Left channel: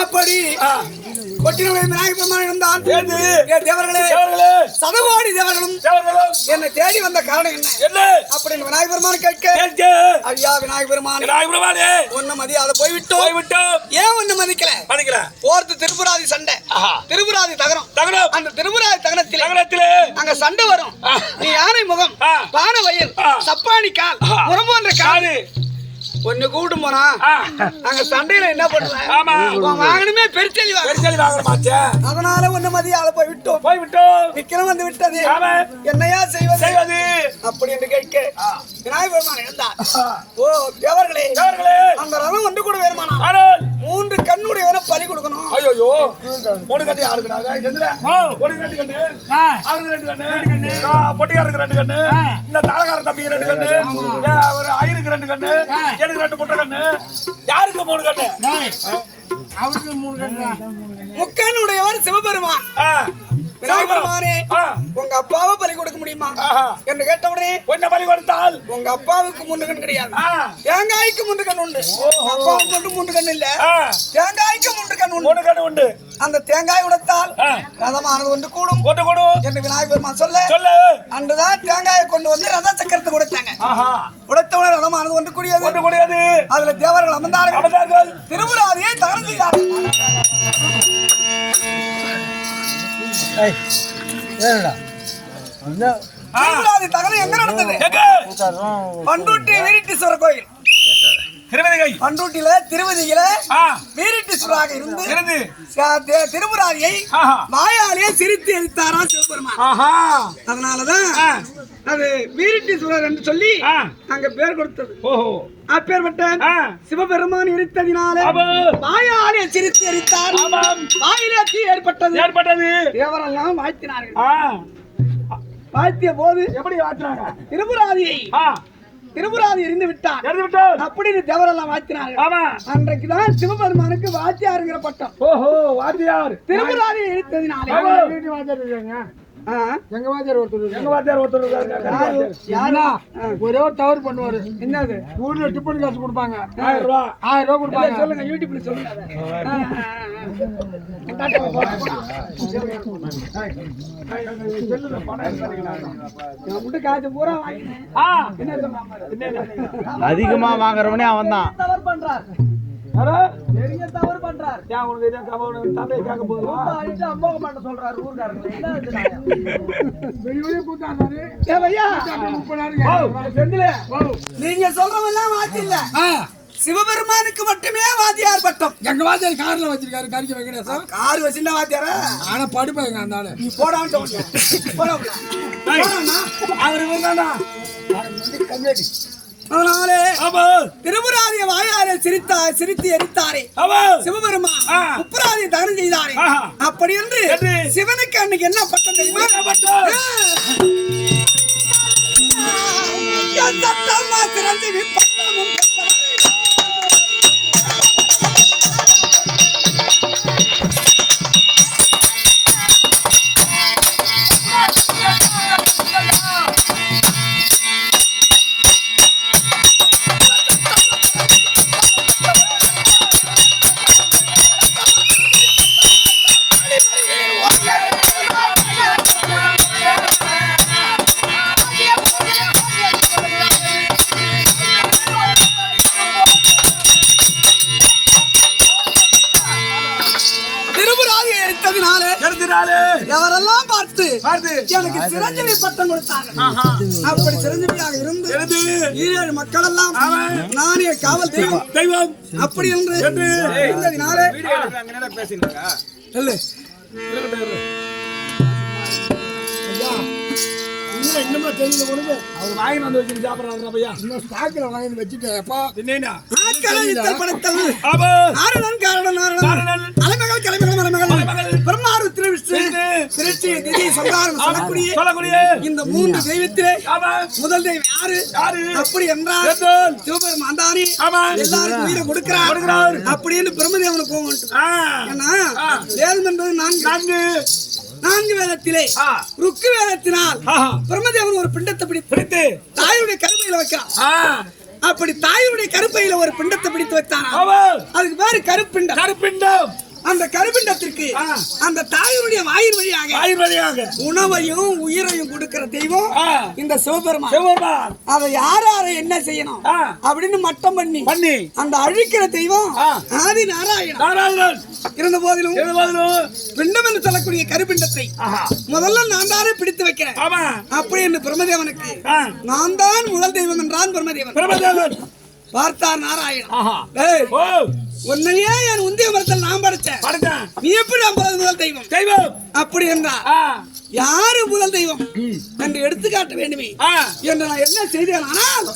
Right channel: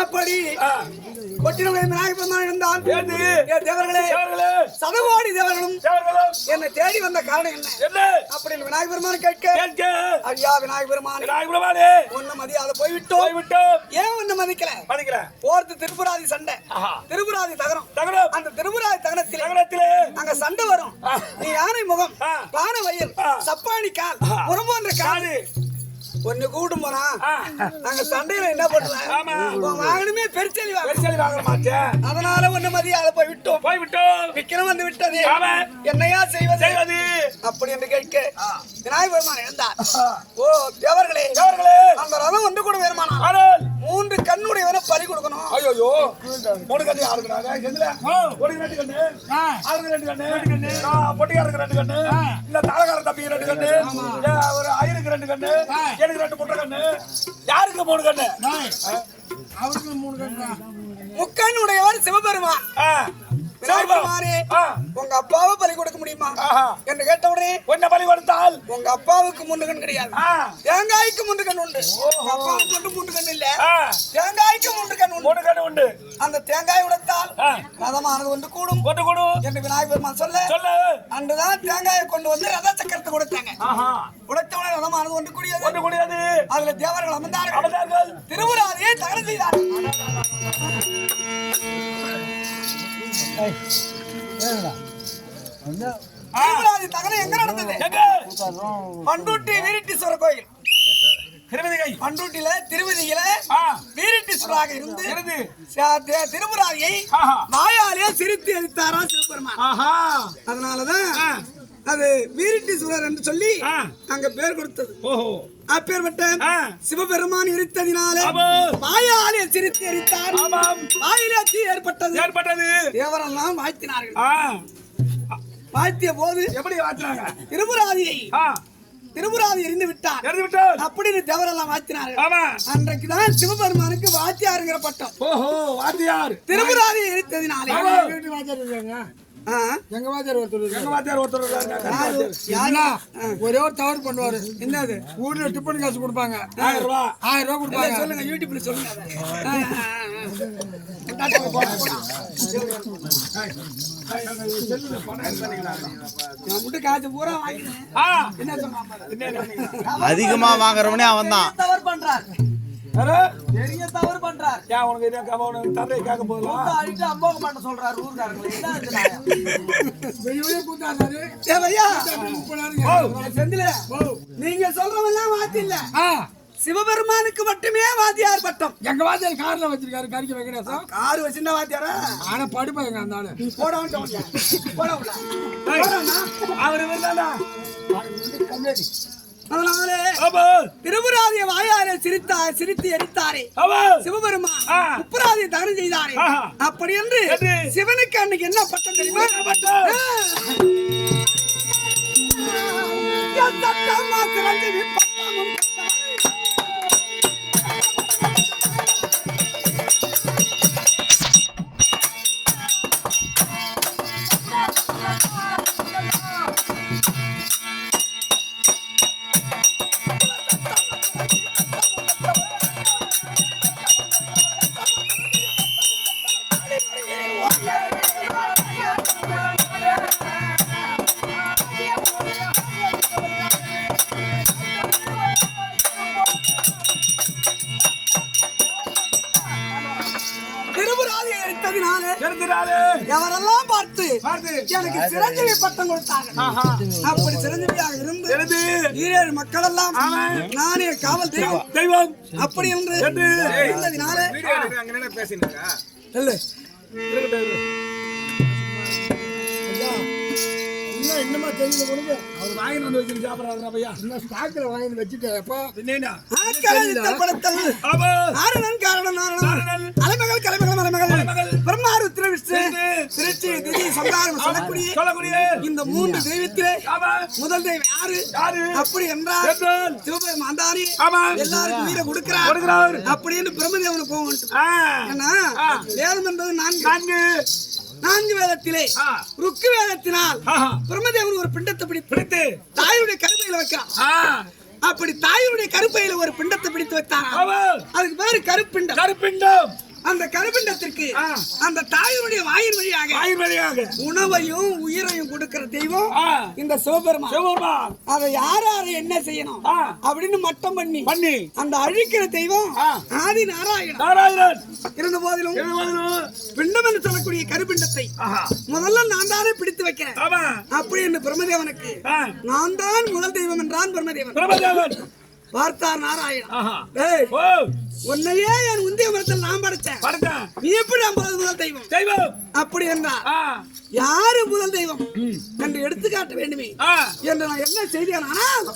அப்படி கொட்டினுடைய விநாயகர் பெருமான் இருந்தான். தேவர்களே சதவாடி தேவர்களும் என்னை தேடி வந்த காரணம் என்ன அப்படின்னு விநாயகர் பெருமான் கேட்க, ஐயா விநாயகர் பெருமானே ஒண்ணு மதியாத போய்விட்டோம். ஏன் ஒண்ணு மதிக்கல? போர்த்து திருப்புராதி சண்டை, திருப்புராதி தகரம். அந்த திருப்புராதி தகரத்திலே அங்க சண்டை வரும். நீ யானை முகம், பான வயல், சப்பானி கால், முரம்போன்ற காது ஒன்னு கூட்டு போனா அங்க சண்டையில என்ன பண்ணுவேன்? வாங்கணுமே பெருச்செலி வாங்க. அதனால ஒண்ணு மதியாத போய்விட்டோம். விக்கிரம் வந்து விட்டது, என்னையா செய்வது அப்படி என்று கேட்க விநாயகர் பெருமான் இருந்தார். ஓ தேவர்களே, அந்த ரதம் ஒன்று கூட வேறுமானா 3 கண்ணுடைய வேற பறி கொடுக்கணும். ஐயோ 3 கண்ணு யாருக்குறாங்க? ஒரு 2 கண்ணு, அவருக்கு 2 கண்ணு, பொட்டியாருக்கு 2 கண்ணு, இந்த தாளகார தம்பிக்கு 2 கண்ணு, ஒரு ஐயருக்கு 2 கண்ணு, எனக்கு 2 புட்ட கண்ணு, யாருக்கு 3 கண்ணு? அவருக்கு 3 கண்ணு. முக்கண்ணுடையவர் சிவபெருமான். உங்க அப்பாவை பலி கொடுக்க முடியுமா என்று கேட்ட உடனே என்ன பலி கொடுத்தால் உங்க அப்பாவுக்கு 3 கண் கிடையாது, தேங்காய்க்கு 3 கண் உண்டு. அப்பாவுக்கு மட்டும் 3 கண் இல்ல, தேங்காய்க்கு 3 கண் உண்டு. அந்த தேங்காய் உடைத்தால் ரதமானது ஒன்று கூடும் என்று விநாயகர் பெருமான் சொல்ல அன்றுதான் தேங்காயை கொண்டு வந்து ரத சக்கரத்தை கொடுத்தாங்க. உடைத்தவன ரதமானது ஒன்று கூடியது. அதுல தேவர்கள் அமர்ந்தார்கள், திருப்புராதியை தகரம் செய்தார்கள். தகரம் எங்க நடந்தது? பண்டூட்டி வீரட்டீஸ்வரர் கோயில். பண்டூட்டியில திருவதியில வீரட்டீஸ்வராக இருந்து திருப்புராதியை வாயாலேயே சிரித்து எரித்தாராம் சிவபெருமான். அதனாலதான் அது வீரட்டீஸ்வரர் என்று சொல்லி அங்க பேர் கொடுத்தது. அப்பேற்பட்ட சிவபெருமான் இருத்ததினால வாயாலே சிரித்து எரித்தார். வாயிலே தீ ஏற்பட்டது. தேவரெல்லாம் வாழ்த்தினார்கள். வாழ்த்திய போது எப்படி வாழ்த்தினாங்க? திருப்புராதி இருந்து விட்டார் அப்படின்னு தேவரெல்லாம் வாழ்த்தினார்கள். அன்றைக்குதான் சிவபெருமானுக்கு வாத்தியாருங்கிற பட்டம். வாத்தியார் திருப்புராதி இருத்ததினால எங்க வாத்தியார் ஒருத்தர் ஒரே ஒரு தவறு பண்ணுவாரு. என்னது? ஊர்ல டிஃபன் காசு கொடுப்பாங்க, 1000 ரூபாய் கொடுப்பாங்க. சொல்லுங்க, யூடியூப்ல சொல்லுங்க. அதிகமா வாங்குறவனே அவன் தான் தவறு பண்றார். பெரிய தவறு பண்றார். அம்போகமாட்ட சொல்றாரு ஊர்காரங்க. நீங்க சொல்றவெல்லாம் வாத்தி இல்ல, சிவபெருமானுக்கு மட்டுமே வாத்தியார் பட்டம். எங்க வாத்தியார் கார்ல வச்சிருக்காரு, கறிக்கு வைக்கிறேன். கார் வச்சிருந்தா வாத்தியாரா? ஆனா படிப்பாங்க அந்த ஆளு. நீ போடான்னு அவரு அதனாலே திருப்புராதிய வாயாலே சிரித்து எரித்தாரே சிவபெருமான், உப்புராதியை தகனம் செய்தாரே. அப்படி என்று சிவனுக்கு அன்னைக்கு என்ன பட்டம் தெரியுமா? எவரெல்லாம் பார்த்து எனக்கு சிரஞ்சீவி பட்டம் கொடுத்தாங்க. அப்படி சிரஞ்சீவியாக இருந்து 7 மக்கள் எல்லாம் நானே காவல் தெய்வம் அப்படி என்று இருந்ததினாலே இன்னுமா தெரியல உனக்கு. அவர் வாங்கி வந்து வச்சு சாப்பிடுறாங்க பையா. இன்னும் ஸ்டாக்ல வாங்கி வச்சுட்டேன். அப்பா என்னன்னா பிரம்மாருத்ர விஷ்ணு திருச்சி திதி சங்காரம் சொல்லக்கூடிய இந்த 3 தெய்வத்திலே முதல் தெய்வம் யாரு அப்படி என்றால் சிவபெருமான் தானே எல்லாருக்கும் உயிரை கொடுக்கிறார் அப்படின்னு பிரம்மதேவனுக்கு போகணும். ஏன்னா வேதம் என்பது 4 வேதத்திலே ருக்கு வேதத்தினால் பிரம்மதேவன் ஒரு பிண்டத்தை பிடித்து தாயுடைய தாயுடைய கருப்பையில வைக்கிறான். அப்படி தாயுடைய கருப்பையில ஒரு பிண்டத்தை பிடித்து வைத்தான். அதுக்கு பேரு கருப்பிண்டம். கருப்பிண்டம். அந்த கருப்பிண்டத்திற்கு அந்த தாயுடைய வாயின் வழியாக உணவையும் உயிரையும் கொடுக்கிற தெய்வம் இந்த சிவபெருமான். அதை யாரை என்ன செய்யணும் அப்படின்னு மட்டம் பண்ணி அந்த அழிக்கிற தெய்வம் ஆதி நாராயணன். இருந்த போதிலும் பிண்டம் என்று சொல்லக்கூடிய கருப்பிண்டத்தை முதல்ல நான் தானே பிடித்து வைக்கிறேன் அப்படி என்று பிரம்மதேவனுக்கு நான் தான் முதல் தெய்வம் என்றான் பிரம்மதேவன். பார்த்தார் நாராயணன், உன்னையே என் உந்திய மரத்தில் நான் படைச்சேன், நீ எப்படி முதல் தெய்வம் அப்படி என்றா யாரு முதல் தெய்வம் என்று எடுத்துக்காட்ட வேண்டுமே என்று நான் என்ன செய்தேன். ஆனால்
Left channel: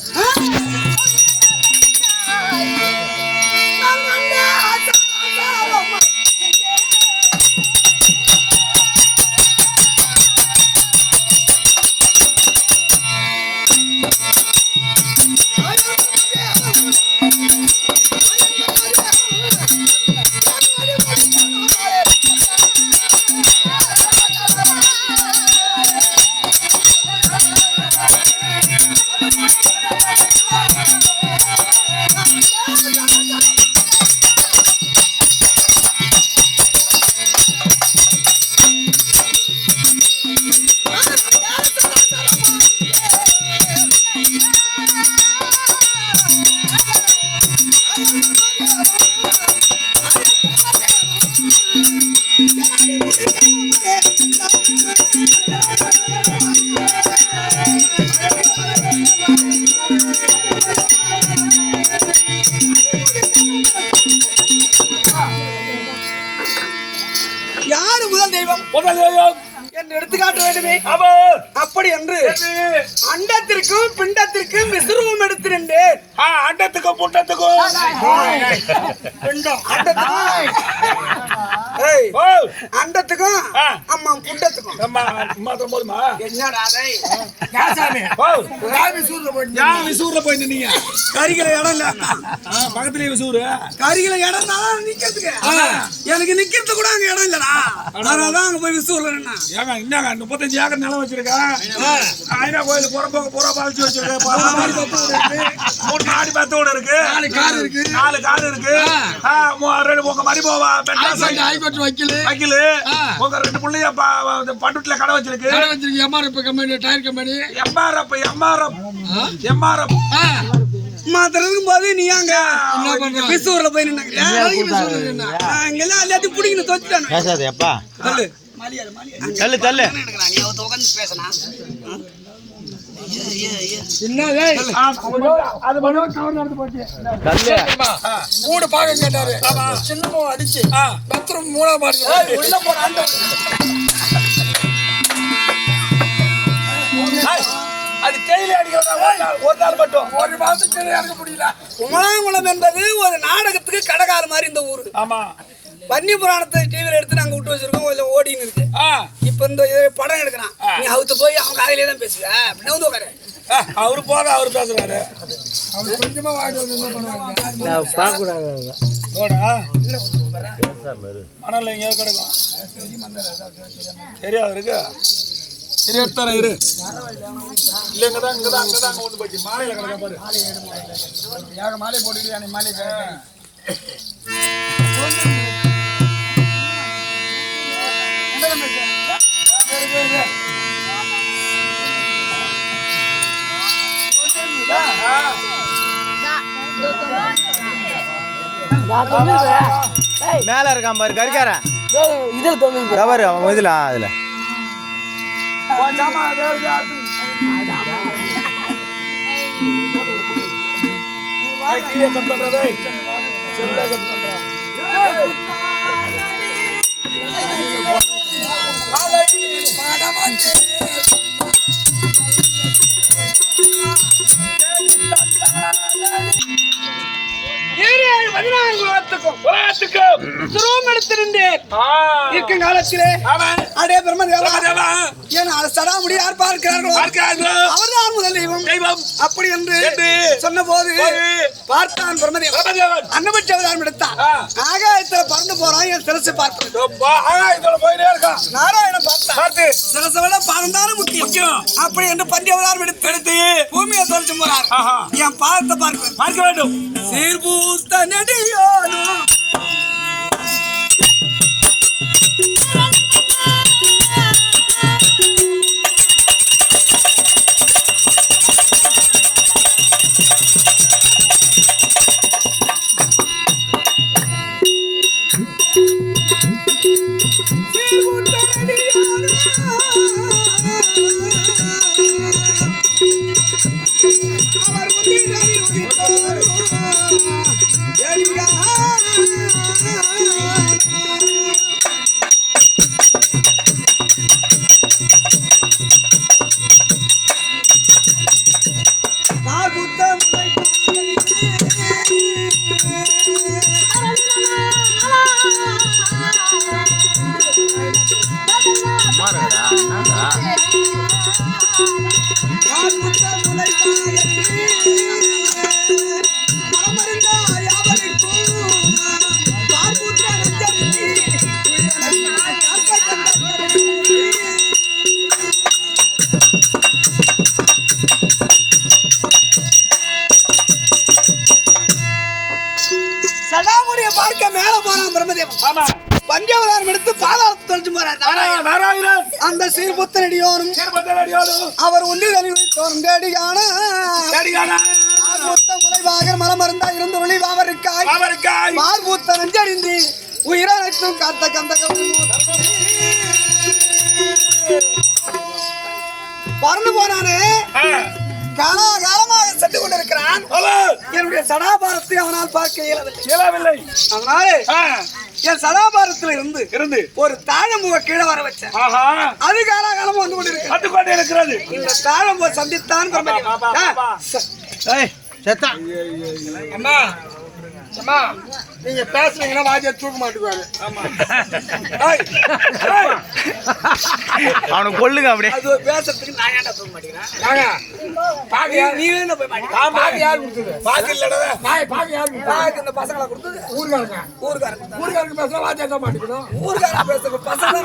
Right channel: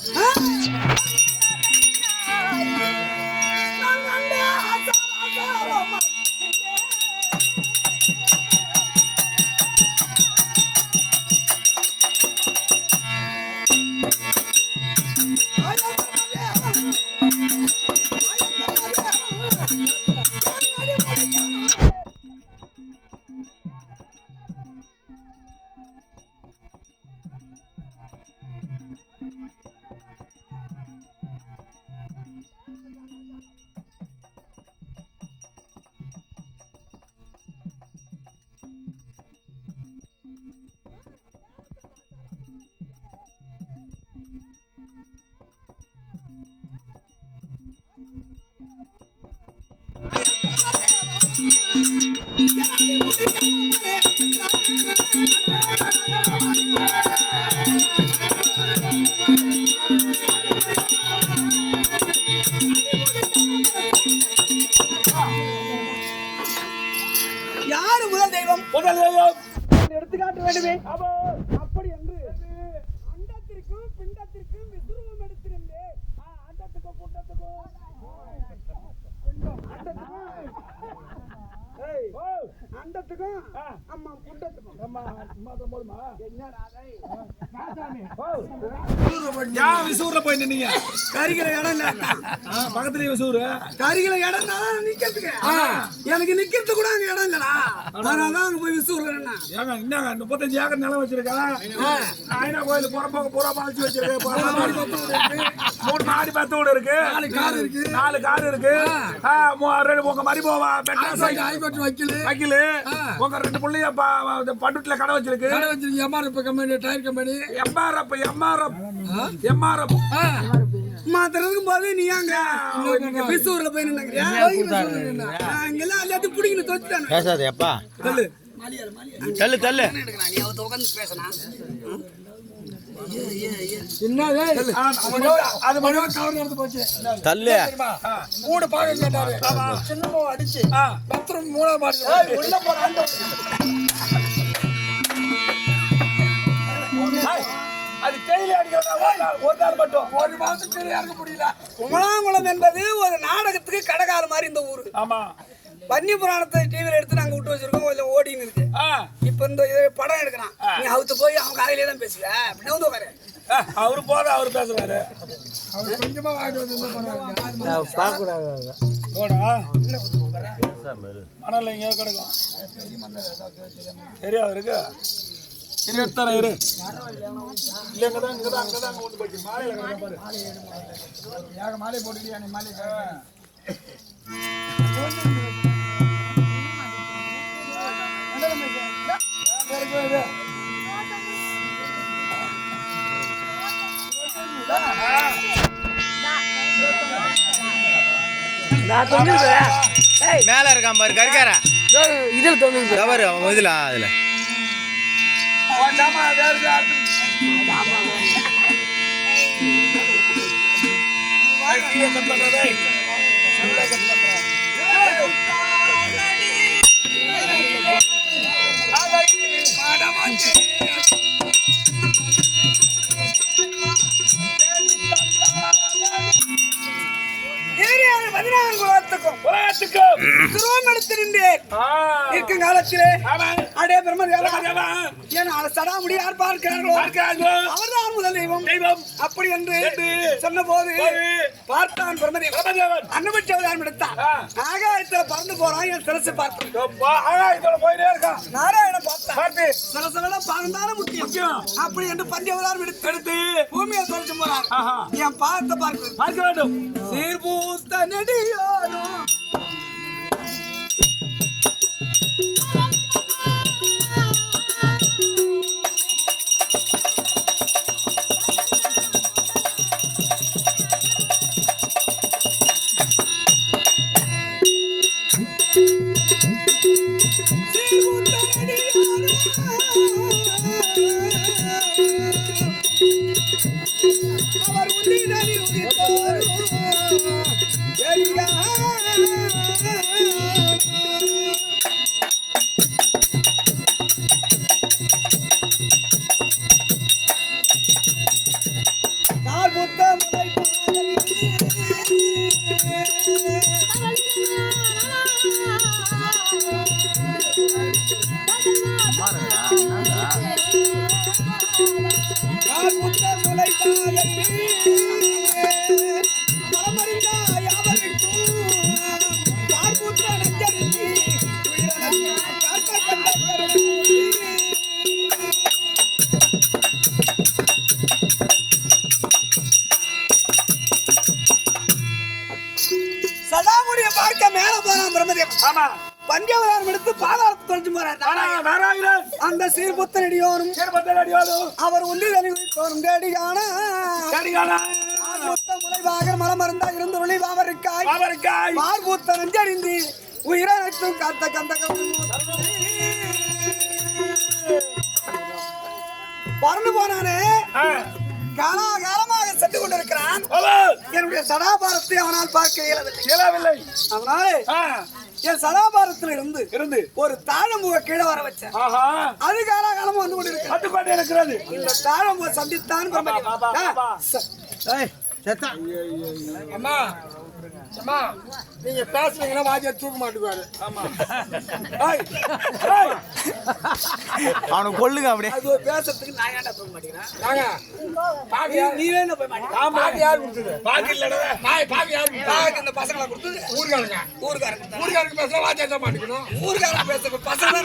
யாரு முதல் தெய்வம் எடுத்துக்காட்ட வேண்டுமே. அப்படி என்று அண்டத்திற்கும் பிண்டத்திற்கும் விசுரூபம் எடுத்திருந்தேன். அண்டத்துக்கும் புண்டத்துக்கும் அண்டத்துக்கும் அம்மா புண்டத்துக்கும் என்னடா விசூர்ல போய் நின்னீங்க. கரிகிற இடம் பக்கத்துலயே விசூரு. கரிகிற இடம் தான் நிக்கிறதுக்கு. எனக்கு நிக்கிறது கூட அங்க இடம் இல்லடா. அதனாலதான் அங்க போய் விசூர்ல ஏங்க என்னங்க 35 ஏக்கர் நிலம் வச்சிருக்கேன். ஐநா கோயில் புறம்போக்கு பூரா பாலிச்சு வச்சிருக்கேன். 3 மாடி பத்தோடு இருக்கு, 4 கார் இருக்கு, உங்க மரிபோவா வக்கீலு, உங்க 2 புள்ளைய பட்டுல கடை வச்சிருக்கு. எம்ஆர்எஃப் மாத்திரதுக்கும் போது நீ அங்க விசூர்ல போய் நின்னுக்கிறியா? இங்கெல்லாம் எல்லாத்தையும் பிடிக்கணும் தோச்சுட்டானு. பேசாதேப்பா. தள்ளு தள்ளு. மூணு பாகம் கேட்டாரு, சின்னமோ அடிச்சு பத்திரம் மூணா மாடி அது தேயிலை அடிக்கிறதா ஒரு நாள் மட்டும் ஒரு மாசத்துக்கு இறங்க முடியல. குமலாங்குளம் என்பது ஒரு நாடகத்துக்கு கடைக்கார மாதிரி இந்த ஊரு. ஆமா, பன்னி புராணத்தை டிவில எடுத்து நாங்க விட்டு வச்சிருக்கோம், இல்ல ஓடின்னு இருக்கு. இப்ப இந்த படம் எடுக்கிறான், நீ அவுத்து போய் அவன் காலையிலே தான் பேசுவ அப்படின்னு வந்து உட்காரு. அவரு போத அவரு பேசுறாரு. அவர் கொஞ்சமா வாடி வந்து என்ன பண்ணுவாங்க மணல் எங்கேயோ கிடக்கும். சரியா இருக்கு. சரி எடுத்தார இரு. இல்ல இங்கதான் கொண்டு போச்சு. மாலையில கிடக்க பாரு. மாலை போட்டுட்டு மாலை மேல இருக்கான் பாரு கருக்கார. கவர் அவன் இதுல அதுல இருக்கும் காலத்திலே அடே பிரம்மதேவா என் சடாமுடி யார் பார்க்கிறார்களோ அவர்தான் முதல் தெய்வம் அப்படி என்று சொன்ன போது பார்த்தான் பிரம்மதேவன். அன்னபட்ச அவதாரம் எடுத்தான். ஆகாயத்துல பறந்து போறான், என் சிரசு பார்த்தான். ஆகாயத்துல போயிட்டே இருக்கான். நாராயணன் பார்த்தான். சிரசை விட பறந்தாலும் முக்கியம் அப்படி என்று பஞ்ச அவதாரம் எடுத்து பூமியை தோற்று ஆஹா. என் பாதத்தை பார்க்க பார்க்க வேண்டும். சீர்பூத்த நெடியோனும் பார்க்க மேல போறான் பிரம்மதேவன். ஆமா. பஞ்சவதாரம் எடுத்து பாதாளத்தை தொலைச்சு போறார் நாராயணன். அந்த சீர்புத்தனடியோனும் அவர் ஒன்று தோறும் கேடியான முளைவாக மலமருந்தா இருந்து ஒளி வாவருக்காய் பார்பூத்த நஞ்சறிந்து உயிரனைத்தும் காத்த கந்த பறந்து போனானே காலாகாலமாக சென்று கொண்டிருக்கிறான். என்னுடைய சடாபாரத்தை அவனால் பார்க்க இயலவில்லை. அதனாலே என் சதாபாரத்தில் இருந்து ஒரு தாழம்புவை கீழே வர வச்சேன். அது காலாகாலமா வந்து கொண்டிருக்கிறது. இந்த தாழம்புவை சந்தித்தான் அம்மா அம்மா நீங்க பேசுறீங்கன்னா வாஜியா தூக்க மாட்டுக்குவாரு. அவனை கொல்லுங்க அப்படியே. அது பேசுறதுக்கு நான் ஏன்டா தூக்க மாட்டேங்கிறேன்? நீ வேணா போய் பாக்கு யார் கொடுத்தது? பாக்கு இல்லடா. பாக்கு யார் கொடுத்தது? பாக்கு இந்த பசங்களை கொடுத்தது. ஊர்காரங்க பேசுனா வாஜியா தான் மாட்டிக்கணும். ஊர்காரங்க பேசுற பசங்க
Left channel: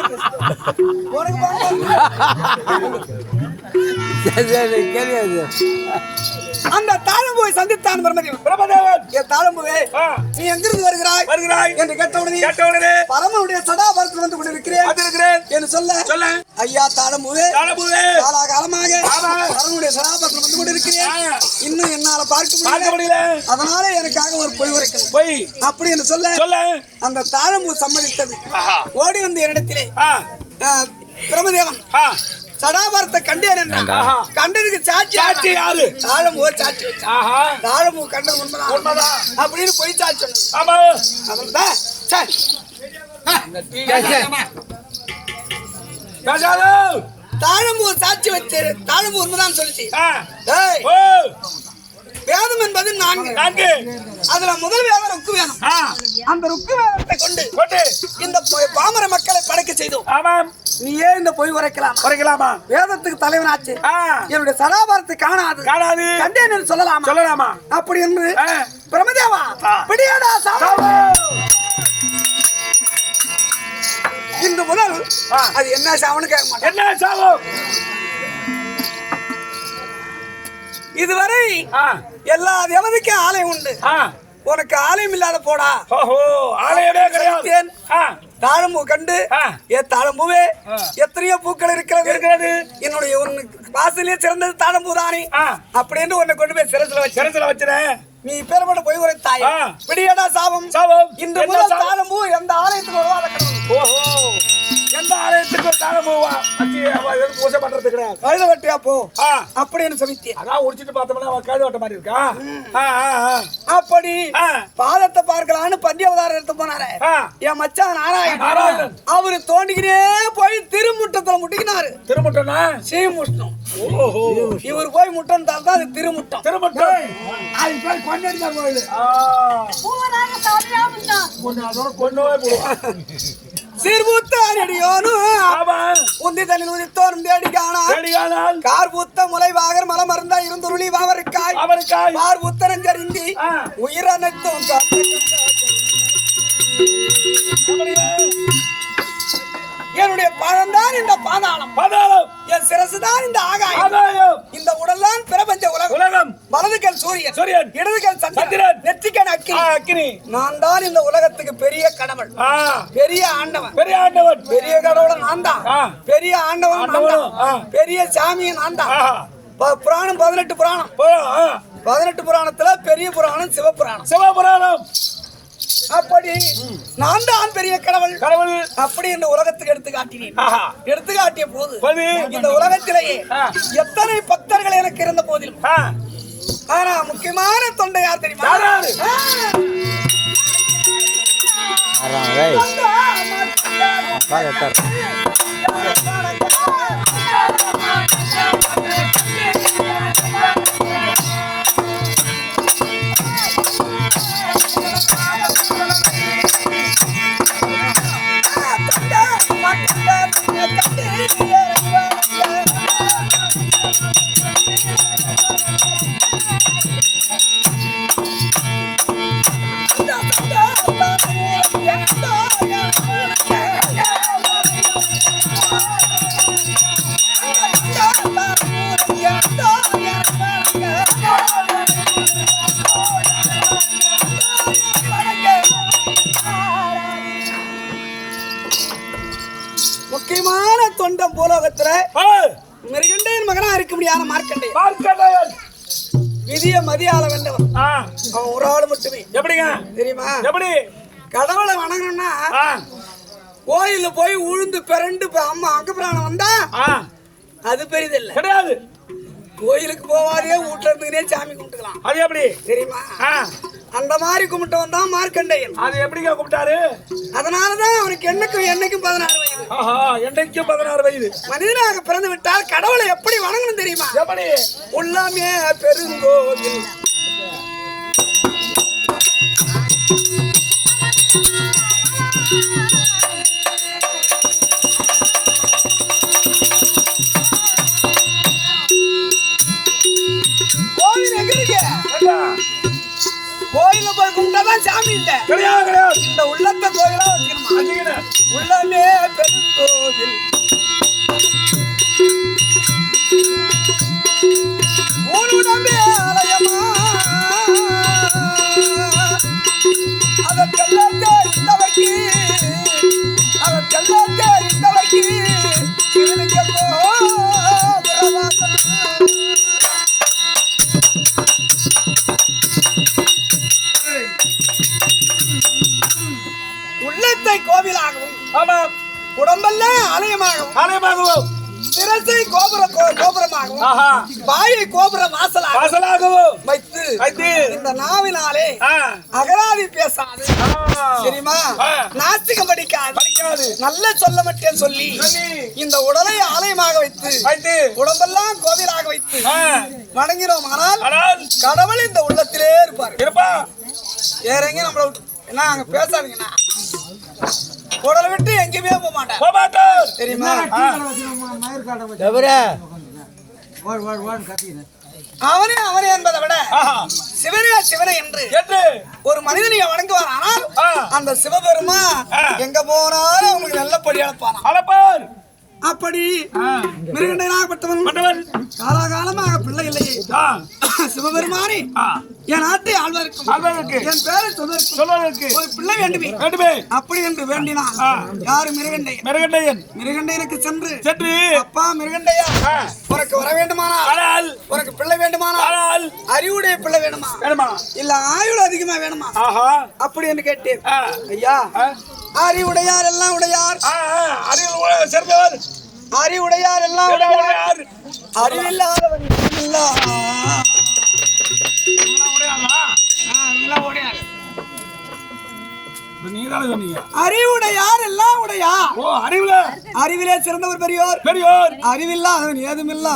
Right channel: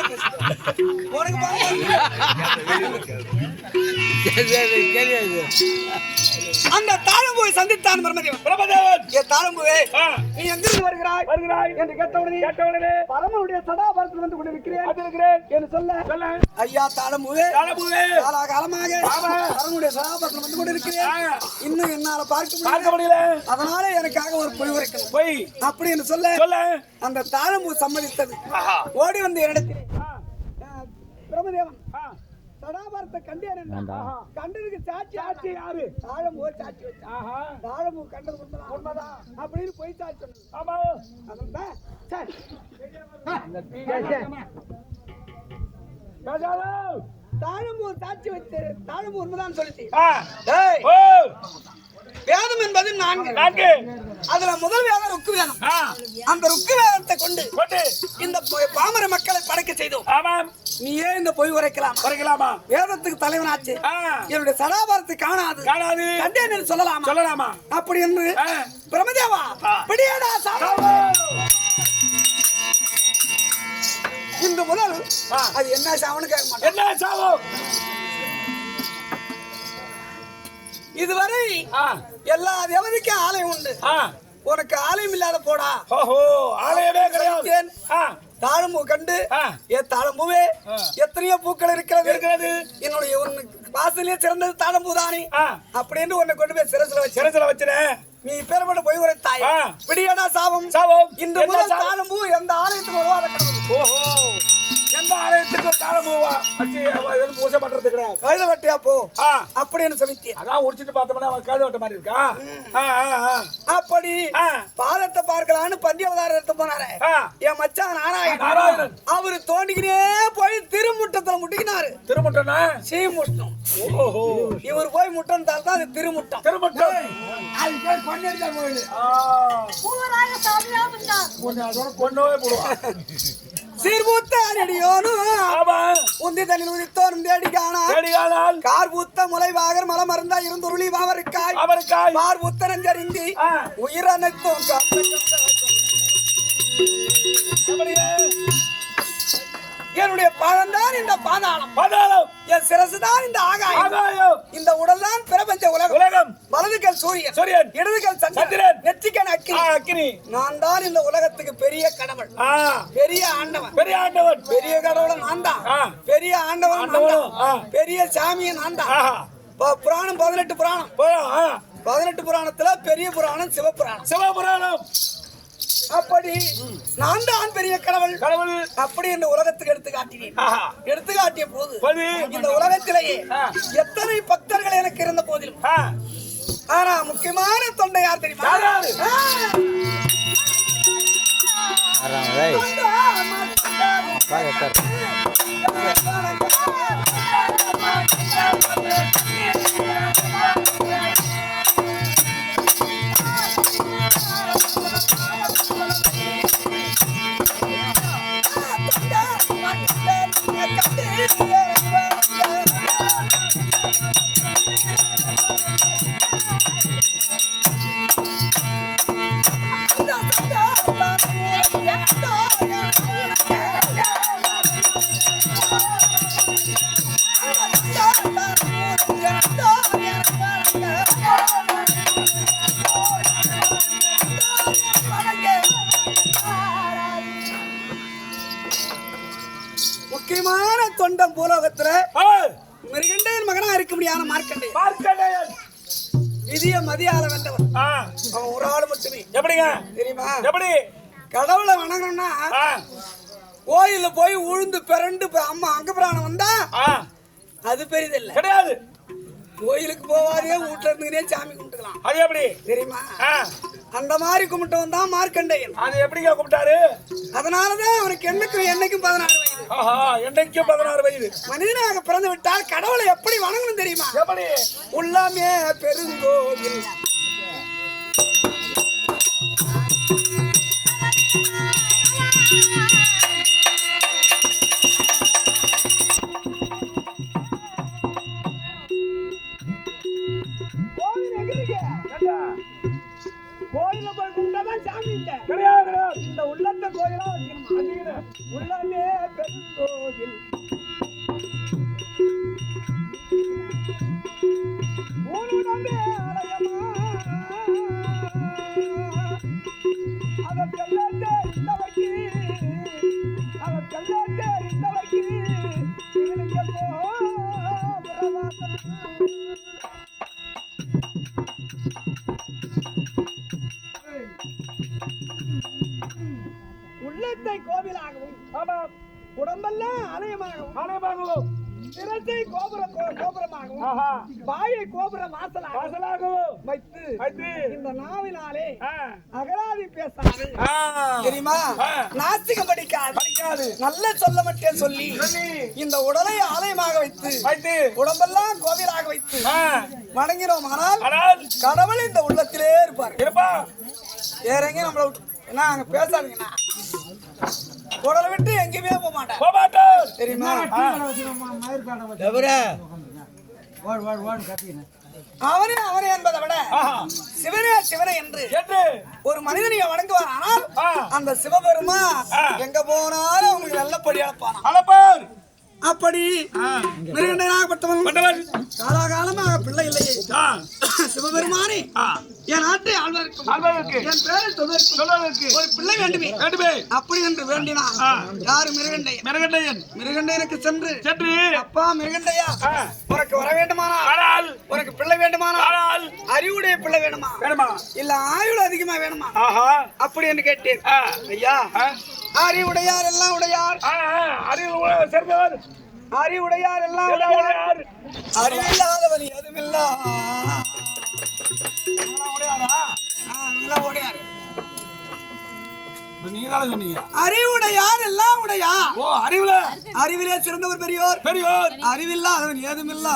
அந்த தாழம்புவை சந்தித்தான் பிரம்மதேவன். என் தாழம்புவே நீ எங்கிருந்து வருகிறாய் என்று கேட்டவுடனே பரமனுடைய சதாபாரத்தில் வந்து கொண்டிருக்கிறேன் என்று சொல்ல ஐயா தாழம்புவே காலாகாலமாக பரமனுடைய சதாபாரத்தில் வந்து கொண்டிருக்கிறேன். இன்னும் என்னால பார்க்க முடியல. அதனால எனக்காக ஒரு பொய் உரைக்கணும் அப்படி என்று சொல்ல அந்த தாழம்பு சம்மதித்தது. ஓடி வந்து என்னிடத்திலே பிரம்மதேவன் சடாபாரத்தை கண்டேன். கண்டதுக்கு சாட்சி யாரு? தாழம்பூ சாட்சி வச்சா. தாழம்பூ கண்டது உண்மைதான் அப்படின்னு போய் சாட்சி தாழம்பூ சாட்சி வச்சு தாழம்பூ உண்மைதான் சொல்லிச்சு. வேதம் என்பது 4. அதுல முதல் வேதம் ருக்கு வேதம். அந்த ருக்கு வேதத்தை கொண்டு இந்த பாமர மக்களை படைக்க செய்தோம். நீயே இந்த பொய் உரைக்கலாமா? வேதத்துக்கு தலைவனாச்சு. என்னுடைய சதாபாரத்தை காணாது கண்டேன் சொல்லலாமா அப்படி என்று பிரம்மதேவா பிடியாடா இன்று முதல் அது என்ன சாவனு கேட்க மாட்டேன். இதுவரை எல்லா தேவதைக்கும் ஆலயம் உண்டு. உனக்கு ஆலயம் இல்லாத போடா. ஆலயமே கிடையாது. தாழம்பூ கண்டு தாழம்பூவே எத்தனையோ பூக்கள் இருக்கிறது. என்னுடைய வாசலே சிறந்தது தாழம்பூ தானே அப்படின்னு உன்னை கொண்டு போய் சிறசுல வச்சிருக்கேன். நீ பேரப்பட்ட போய் ஒரு தாய் பிடியடா சாபம். இன்று முதல் தாழம்பூ எந்த ஆலயத்துக்கு வருவாங்க. எந்த ஆலயத்துக்கு தாழம்பூவா பூஜை பண்றது கிடையாது. கழுத வெட்டியா போ அப்படின்னு சொல்லிட்டேன். அதான் உடிச்சிட்டு பார்த்தோம்னா அவன் கழுத வெட்ட மாதிரி இருக்கா. அப்படி பாதத்தை பார்க்கலான்னு பஞ்சவதாரம் எடுத்து போனாரு என் மச்சான் நாராயணன். அவரு தோண்டிக்கிட்டே போய் திருமுட்டத்துல முட்டிக்கினாரு. திருமுட்டனா சீமுஷ்டம். இவர் போய் முட்டன்தால் தான் அது திருமுட்டம். சீர்பூத்த உந்தி தனில் உதித்தோரும் தேடிகானால் கார்பூத்த முளைவாகர் மலமருந்தா இருந்துருளி வாவருக்காய் பார்பூத்தரஞ்சறிந்தி உயிரனைத்தும் என்னுடைய பாதம் தான் இந்த பாதாளம். என் சிரசு தான் இந்த ஆகாயம். இந்த உடல் தான் பிரபஞ்ச உலகம். வலது வலதுகல் சூரியன் சூரியன். இடதுகல் சந்திரன். சந்திரன் நெற்றிக்கண் அக்கினி அக்கினி. நான் தான் இந்த உலகத்துக்கு பெரிய கடவுள் பெரிய ஆண்டவன் பெரிய ஆண்டவன். பெரிய கடவுள் நான் தான் பெரிய ஆண்டவன் நான் தான் பெரிய சாமியை நான் தான் புராணம் 18 புராணம் 18 புராணத்துல பெரிய புராணம் சிவபுராணம் சிவபுராணம். அப்படி நான் தான் பெரிய கடவுள் கடவுள் அப்படி இந்த உலகத்துக்கு எடுத்து காட்டினேன் எடுத்து காட்டிய போது போது. இந்த உலகத்திலேயே எத்தனை பக்தர்கள் எனக்கு இருந்த போதிலும் ஆனா முக்கியமான தொண்டை யார் தெரியுமா யாராரு? முக்கியமான தொண்டை பூலோகத்துல மிருகண்டையன் மகனா இருக்க முடியாத மார்க்கண்டையன் மார்க்கண்டேயன். விதிய மதியால வென்றவன் அவன் ஒரு ஆள் மட்டுமே எப்படிங்க தெரியுமா எப்படி? கடவுளை வணங்கணும்னா கோயில்ல போய் உழுந்து பிறண்டு அம்மா அங்க பிராணம் வந்தா அது பெரிதில்லை கிடையாது. கோயிலுக்கு போவாதே வீட்டுல இருந்துக்கிட்டே சாமி கும்பிட்டுக்கலாம் அது எப்படி தெரியுமா அந்த மாதிரி கும்பிட்டவன் தான் மார்க்கண்டையன் அது எப்படிங்க கூப்பிட்டாரு? அதனாலதான் அவனுக்கு என்னைக்கும் 16 வயது என்றைக்கும் 16 வயது. மனிதனாக பிறந்து விட்டால் கடவுளை எப்படி வணங்கணும் தெரியுமா எப்படி? உள்ளாமே பெருங்கோவில் கோவில் எங்க இருக்கு கோயில போய் கும்பிட்டாதான் சாமி இல்ல கிடையாது கிடையாது. இந்த உள்ளத்த கோயிலா வச்சுக்கணுமா உள்ளமே பெருங்கோவில் ஊருடம்பே ஆலயமா அதற்கெல்லாம் தெரிந்தவர்க்கு சிவனுக்கு உள்ளத்தை கோவிலாகவும் ஆமாம். உடம்பெல்லாம் ஆலயமாகவும் ஆலயமாகவும் சிரசை கோபுரமாகவும் வாயை கோபுர வாசலாகவும் வைத்து இந்த நாவினாலே அகராதி பேசாது தெரியுமா நாஸ்திகம் படிக்காது நல்ல சொல்ல மட்டும் சொல்லி இந்த உடலை ஆலயமாக வைத்து உடம்பெல்லாம் கோவிலாக வைத்து வணங்கினோம் ஆனால் கடவுள் இந்த உள்ளத்திலே இருப்பார் வேற எங்க நம்மள என்ன அங்க பேசாதீங்கன்னா உடலை விட்டு எங்கேயுமே போக மாட்டார் தெரியுமா அவனே என்பதை விட சிவனே என்று ஒரு மனிதனை வணங்குவார் ஆனால் அந்த சிவபெருமா எங்க போனாலும் அவங்களுக்கு நல்லபடி அழைப்பார் அப்படி மிருகண்டனாகப்பட்டவன் காலாகாலமாக பிள்ளை இல்லையே சிவபெருமானே என் நாட்டை ஆழ்வாருக்கும் என் பேரை சொல்வதற்கு ஒரு பிள்ளை வேண்டுமே அப்படி என்று வேண்டினான் யாரு மிருகண்டையனுக்கு சென்று அப்பா மிருகண்டையா உனக்கு வர வேண்டுமானால் உனக்கு பிள்ளை வேண்டுமானால் அறிவுடைய பிள்ளை வேணுமா இல்ல ஆயுள் அதிகமா வேணுமா அப்படி என்று கேட்டேன் ஐயா அறிவுடையார் எல்லாம் உடையார் சேர்ந்தவர் அறிவுடையார் எல்லாம் உடையார் அறிவில்லாதவர் அறிவுடையார் எல்லாம் உடையார் அறிவிலே சிறந்தவர் பெரியோர் அறிவில்லாதவன் ஏதுமில்லா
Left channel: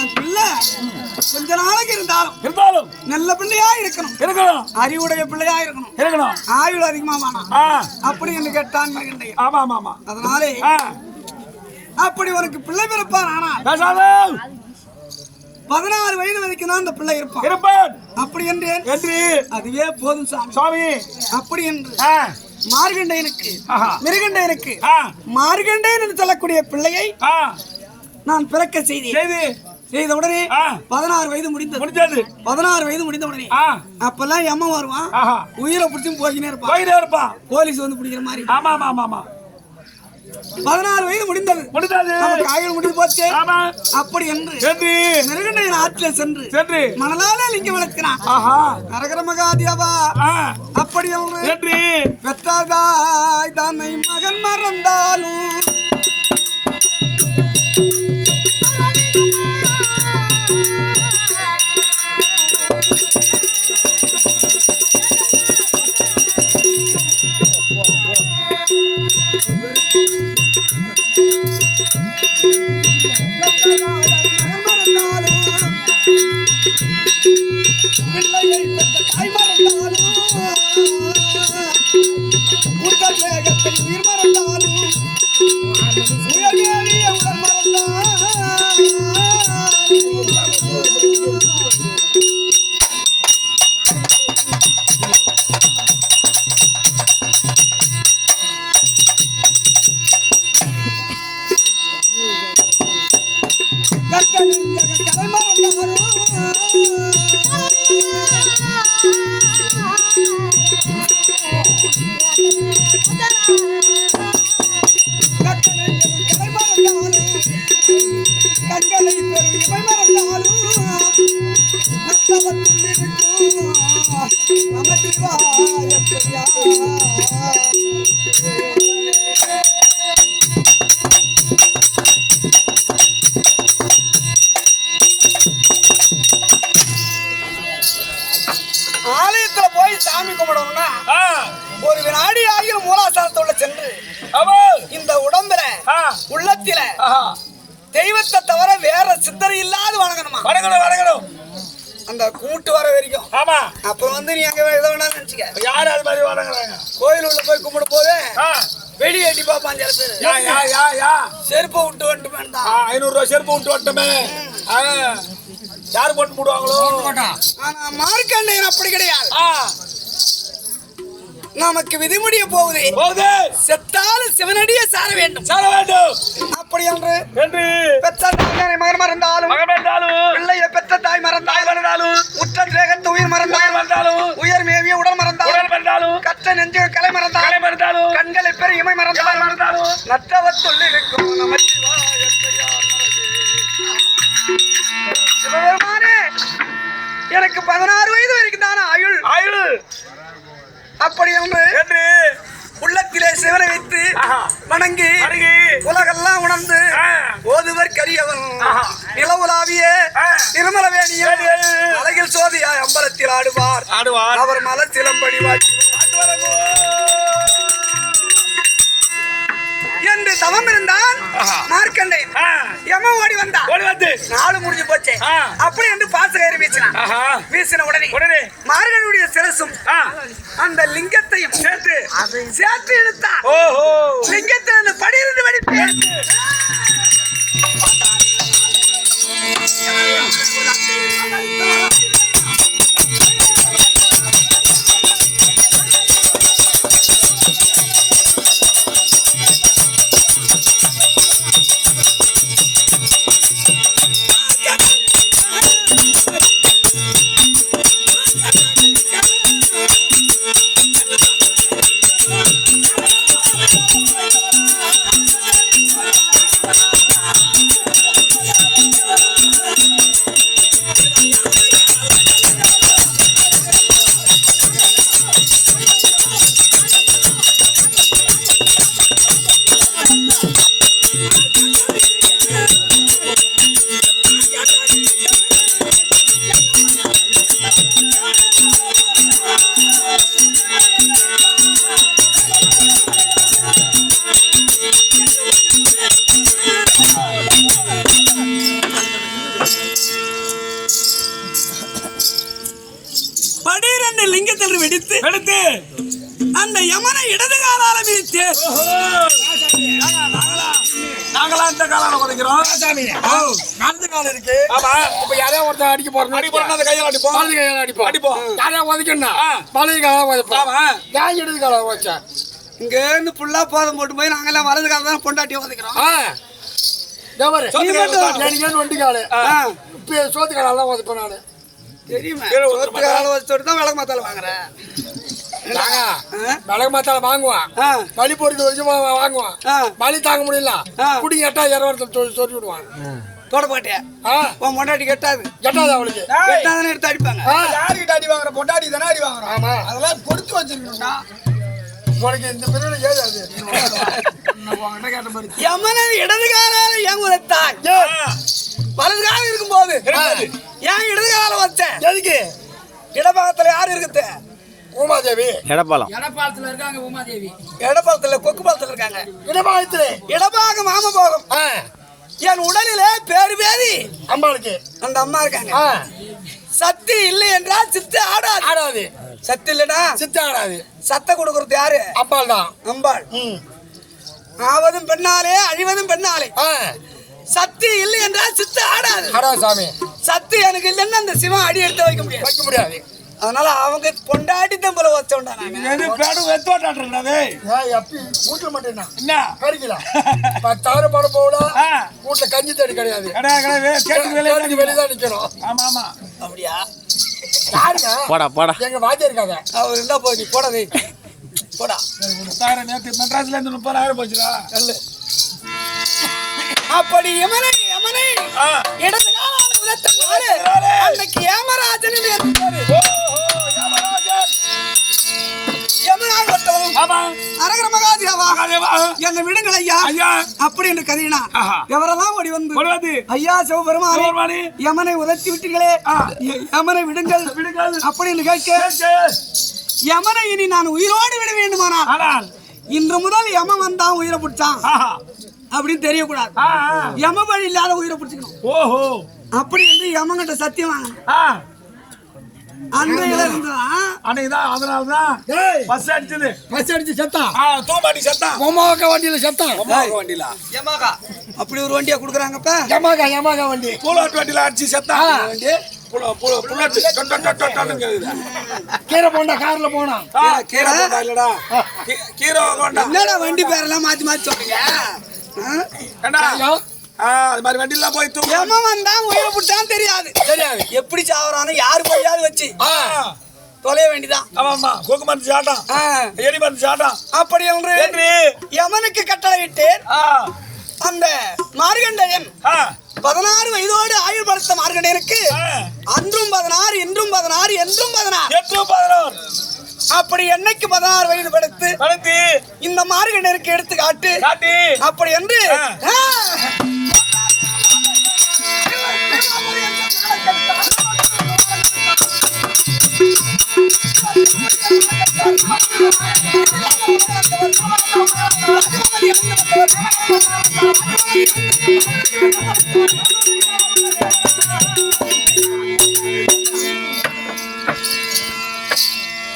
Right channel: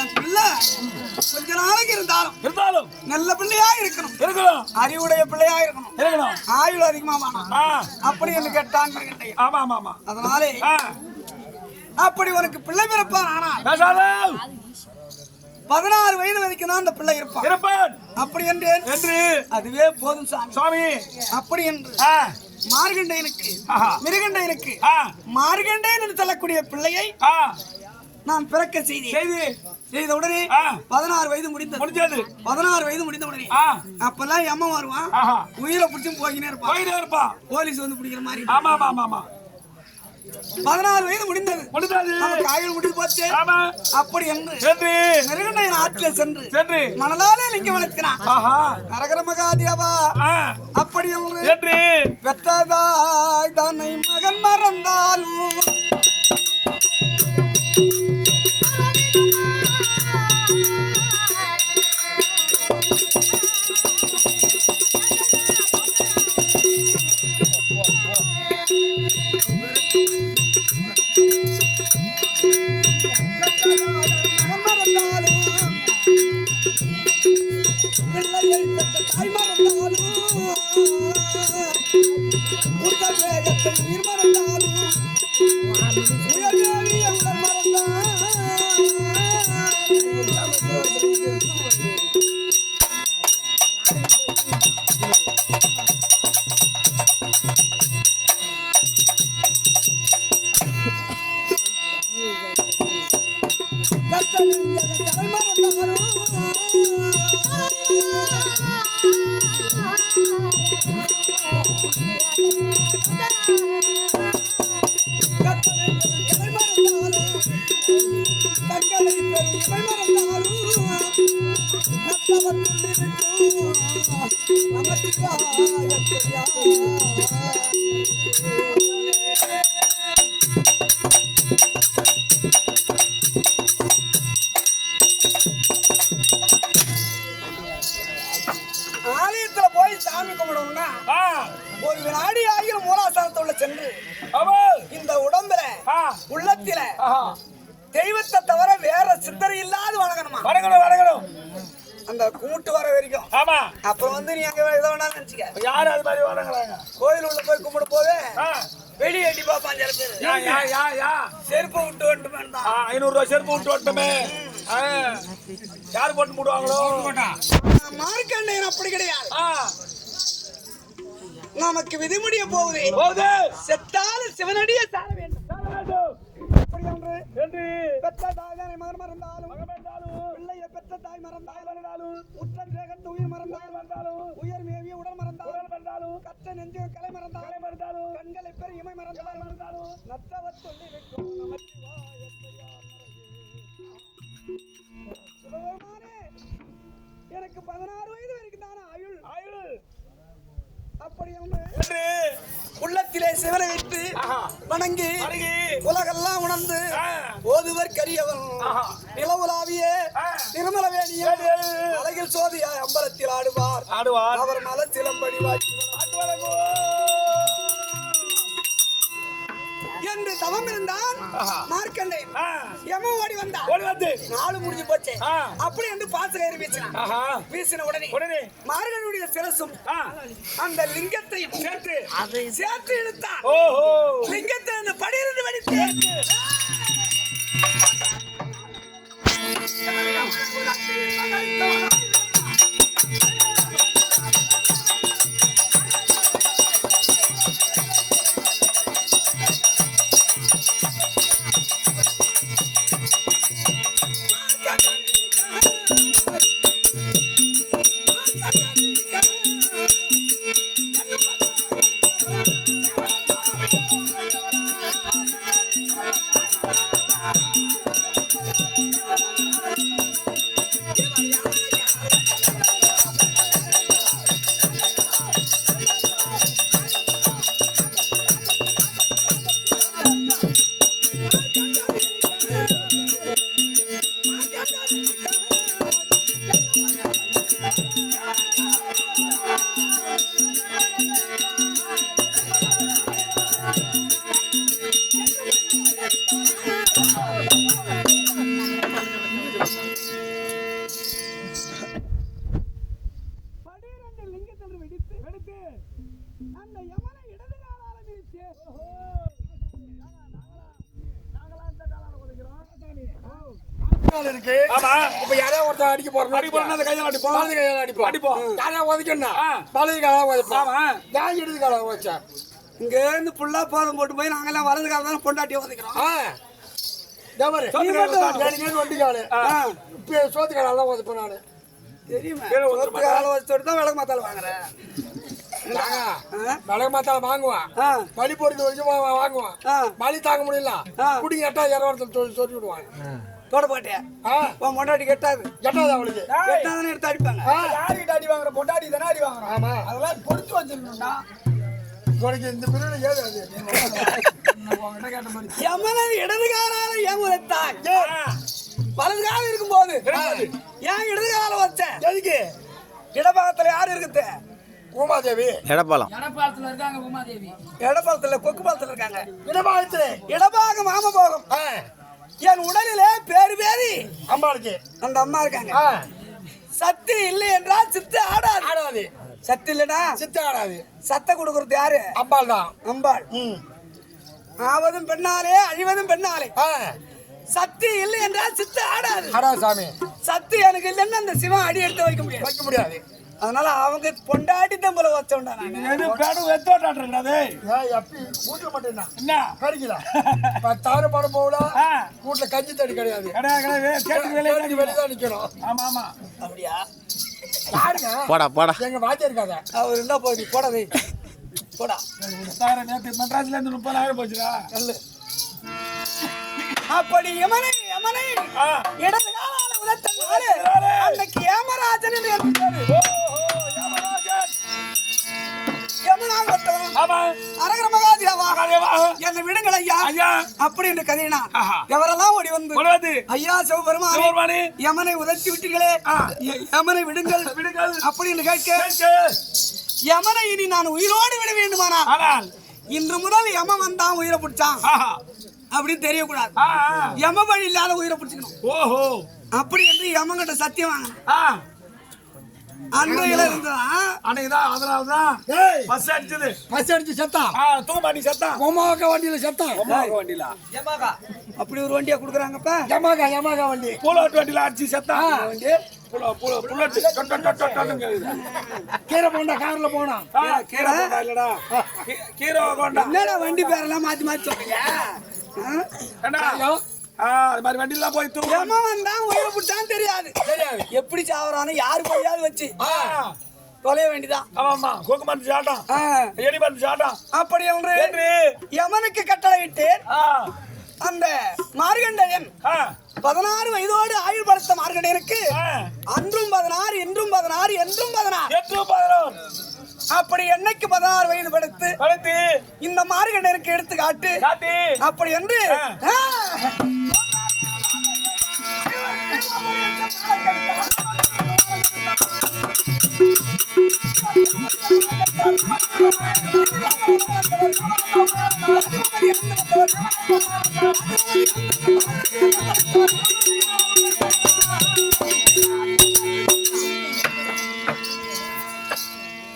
என் பிள்ளை கொஞ்ச நாளைக்கு இருந்தாலும் நல்ல பிள்ளையா இருக்கணும் அறிவுடைய பிள்ளையா இருக்கணும் ஆயுள் அதிகமா அப்படி என்று கேட்டான் மகன் அதனாலே அப்படி உனக்கு பிள்ளை பிறப்பான் ஆனால் 16 வயது வரைக்கும் தான் அந்த பிள்ளை இருப்பான் அப்படி என்று அதுவே போதும் சுவாமி அப்படி என்று மிருகண்டையனுக்கு மார்கண்டையன் என்று சொல்லக்கூடிய பிள்ளையை நான் பிறக்க செய்த உடனே 16 வயது முடிந்தது. 16 வயது முடிந்த உடனே அப்பெல்லாம் எம்ம வருவான், உயிரை பிடிச்சும் போயினே இருப்பான், போலீஸ் வந்து பிடிக்கிற மாதிரி. 16 வயது முடிந்தது. நமக்கு ஆயுள் முடிந்து போச்சு. அப்படி என்று நெருங்கண்டை ஆற்றில சென்று மனதாலே லிங்கம் வளர்க்கிறான். அரகர மகாதேவா. அப்படி என்று பெற்றதாய் தன்னை மகன் மறந்தாலும் ஆலயத்துல போய் சாமி கும்பிடணும்னா ஒரு வினாடி ஆகியும் மூலாசாரத்தோட சென்று இந்த உடம்புல உள்ளத்தில தெய்வத்தை தவிர வேற சிந்தனை இல்லாத வணங்கணும். அந்த கூட்டு வர வரைக்கும். அப்புறம் வந்து நீ அங்க எதை வேணாலும் நினைச்சுக்க. யாரு அது மாதிரி வணங்குறாங்க? கோயில் உள்ள போய் கும்பிட போது வெடி எட்டி பாப்பான் சில பேரு. செருப்பை விட்டு வந்துட்டு 500 ரூபாய் செருப்பு விட்டு வந்துட்டமே. யாரு போட்டு போடுவாங்களோ? மார்க்கண்டையன் அப்படி கிடையாது. நமக்கு விதிமுடிய போகுது. செத்தாலும் சிவனடியே சார வேண்டும். அப்படி என்று பெற்ற தாய் மகன் மறந்தாலும் பிள்ளைய பெற்ற தாய் மறந்தாலும் உற்ற தேகத்து உயிர் மறந்தாலும் உயர் மேவிய உடல் மறந்தாலும் கற்ற நெஞ்சு கலை மறந்தாலும் கண்களை பெரிய இமை மறந்தாலும் நற்றவத்துள்ள இருக்கும் சிவபெருமானே, எனக்கு 16 வயது வரைக்கும் தானே ஆயுள். அப்படி என்று உள்ளத்திலே சிவனை வைத்து வணங்கி உலகெல்லாம் உணர்ந்து ஓதுவர் கரியவன் நிலவுலாவிய திருமலவேணிய அழகில் சோதியாய் அம்பலத்தில் ஆடுவார். அவர் மலர் சிலம்படி என்று தவம் இருந்தான் மார்க்கண்டையன். யம ஓடி வந்தான். நாலு முடிஞ்சு போச்சு. அப்படி என்று பாச கயிறு வீசினான். வீசின உடனே மார்கழியுடைய சிரசும் அந்த லிங்கத்தையும் சேர்த்து இழுத்தான். லிங்கத்தில் அந்த படியிருந்து வெடித்து வெடித்து அந்த யமனை இடது காலால மிதித்து நாங்களா இந்த காலால உதைக்கிறோம். காலத்து காலம் இருக்கு. இப்ப யாரையா ஒருத்தர் அடிக்க போறோம் அந்த கையால அடிப்போம், வலது கையால அடிப்போம். யாரையா உதைக்கணும் வலது காலால உதைப்போம். ஏன் இடது காலால உதைச்சா? இங்க இருந்து புல்லா போதும் போட்டு போய் நாங்கெல்லாம் வலது காலம் தான் பொண்டாட்டி உதைக்கிறோம். தேவரே, நீ மட்டும் எனக்கு வண்டிக்காலு சோத்துக்கால தான் வந்து நானு தெரியுமா? சோத்துக்கால வச்சுட்டு தான் விளக்கு மாத்தால வாங்குறேன். விளக்கு மாத்தால வாங்குவான், வலி பொறுத்து வச்சு வாங்குவான். வலி தாங்க முடியல, குடி கேட்டா 20 சொல்லி விடுவான். தொட போட்டேன் உன் பொண்டாட்டி கெட்டாது அவளுக்கு கெட்டாதானே எடுத்து அடிப்பாங்க. யாருக்கிட்ட அடி வாங்குற பொண்டாட்டி தானே அடி வாங்குறோம். ஆமா, அதெல்லாம் கொடுத்து வச்சிருக்கணும்டா. உனக்கு இந்த பிரிவுல ஏதாவது கேட்ட மாதிரி எமனை இடது காலால ஏன் உதைத்தாய்? வலது காலம் இருக்கும்போது ஏன் இடது காலம் வச்சேன்? எதுக்கு? இடபாகத்துல யாரு இருக்குது? உமாதேவி எடப்பாலம் எடப்பாளத்துல இருக்காங்க உமாதேவி. இடபாகத்துல கொக்கு பாலத்துல இருக்காங்க. இடபாகத்து இடபாகம் மாம போகும். என் உடலிலே பேரு பேரி அம்பாளுக்கு அந்த அம்மா இருக்காங்க. சக்தி இல்லை என்றால் சித்து ஆடாது. ஆடாது. சக்தி இல்லடா சித்து ஆடாது. சத்த கொடுக்கறது யாரு? அம்பாள் தான். அம்பாள். ஆவதும் பெண்ணாலே அழிவதும் பெண்ணாலே. சக்தி இல்லை என்றால் சித்து ஆடாது. ஆடாது சாமி. சக்தி எனக்கு இல்லைன்னு அந்த சிவன் அடி எடுத்து வைக்க முடியாது. வைக்க முடியாது. அதனால அவங்க பொண்டாட்டி தம்பல வச்சோண்டா எது பேடு வெத்தோட்டாட்டுறது. எப்பி வீட்டுல மட்டும் என்ன கறிக்கலாம் 10,000 படம் போகலாம். வீட்டுல கஞ்சி தண்ணி கிடையாது. கேட்டு வெளியதான் நிக்கணும். ஆமா ஆமா அப்படியா? யாருங்க? போடா போடா. எங்க வாத்தியா இருக்காங்க. அவர் என்ன போய் போடா நீ போடா. 10,000 நேற்று மெட்ராஸ்ல இருந்து 30,000 போச்சுடா. நல்ல அப்படி யமனை இடது காலால உதைத்தாரு. அன்னைக்கு யமராஜன் யமனாக வந்தவன். ஆமா அரகர மகாதேவா மகாதேவா. என்னை விடுங்கள் ஐயா அப்படி என்று கதையினா எவரெல்லாம் ஓடி வந்து ஐயா சிவபெருமானே யமனை உதைத்து விட்டீர்களே, யமனை விடுங்கள் அப்படின்னு கேட்க யமனை இனி நான் உயிரோடு விட வேண்டுமானால் இன்று முதல் யமன் வந்தான் உயிரை பிடிச்சான் அப்படின்னு தெரியக்கூடாது. யம வழி இல்லாத உயிரை பிடிச்சிக்கணும். ஓஹோ அப்படி என்று யமங்கிட்ட சத்தியம் வாங்கணும். அன்றையில இருந்துதான் அன்னைக்குதான் அதனாலதான் பஸ் அடிச்சது. பஸ் அடிச்சு செத்தான். தூமாட்டி சத்தம். மொமாக்கா வண்டியில செத்தான். வண்டியில யமாகா அப்படி ஒரு வண்டியா குடுக்குறாங்கப்ப. யமாகா வண்டி புல்லட் வண்டியில அடிச்சு செத்தான். கீரை போண்டா கார்ல போனான். கீரை போண்டா இல்லடா, கீரை போண்டா. என்னடா வண்டி பேரெல்லாம் மாத்தி மாத்தி சொல்றீங்க? அது மாதிரி வண்டியில போய் யமன் வந்தா உயிரை பிடிச்சான்னு தெரியாது. எப்படி சாவறானு யாரு போயாவது வச்சு தொலைய வேண்டிதான். ஆமா கொக்கு மருந்து சாட்டான், எலி மருந்து சாட்டான். அப்படி என்று யமனுக்கு கட்டளையிட்டு அந்த மார்கண்டேயன் 16 வயதோடு ஆயுள் படுத்த மார்கண்டேயனுக்கு அன்றும் 16 இன்றும் 16 என்றும் 16 அப்படி என்னைக்கு 16 வயது படுத்து இந்த மார்கண்டேயனுக்கு எடுத்து காட்டு அப்படி என்று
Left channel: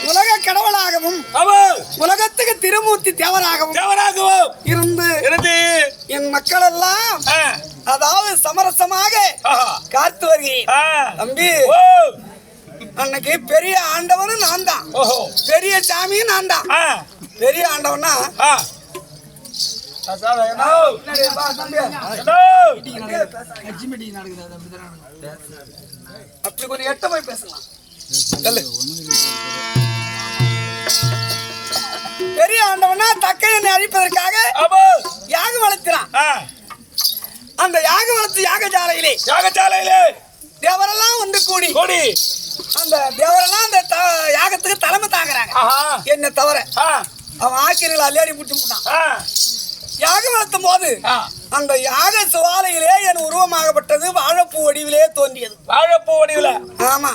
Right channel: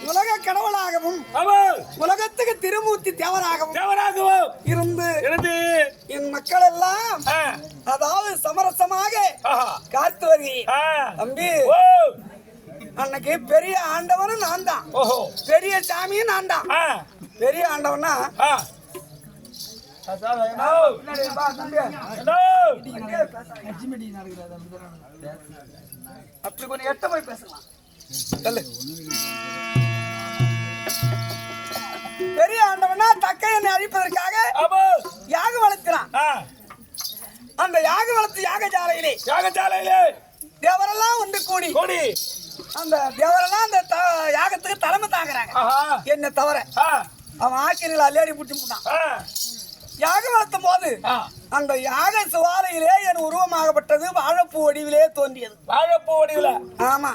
உலக கடவுளாகவும் உலகத்துக்கு திருமூர்த்தி தேவராகவும் இருந்து என் மக்கள் எல்லாம் அதாவது சமரசமாக காத்து வருகிறேன். தம்பி அன்னைக்கு பெரிய ஆண்டவனும் நான் தான், பெரிய சாமியும் நான் தான். பெரிய ஆண்டவனா அப்படி கொஞ்சம் எட்ட போய் பேசலாம். பெரிய ஆண்டவனா தக்கையனை அழிப்பதற்காக யாக வளர்க்கிறான். அந்த யாக வளர்த்து யாகசாலையிலே தேவரெல்லாம் வந்து கூடி அந்த தேவரெல்லாம் அந்த யாகத்துக்கு தலைமை தாங்குறாங்க. என்ன தவிர அவன் ஆக்கிரிகளை அல்லாடி புட்டு போட்டான். யாகம் வளர்த்தும் போது அந்த யாக சுவாலையிலே என் உருவமாகப்பட்டது வாழைப்பூ வடிவிலே தோன்றியது. வாழைப்பூ வடிவில? ஆமா.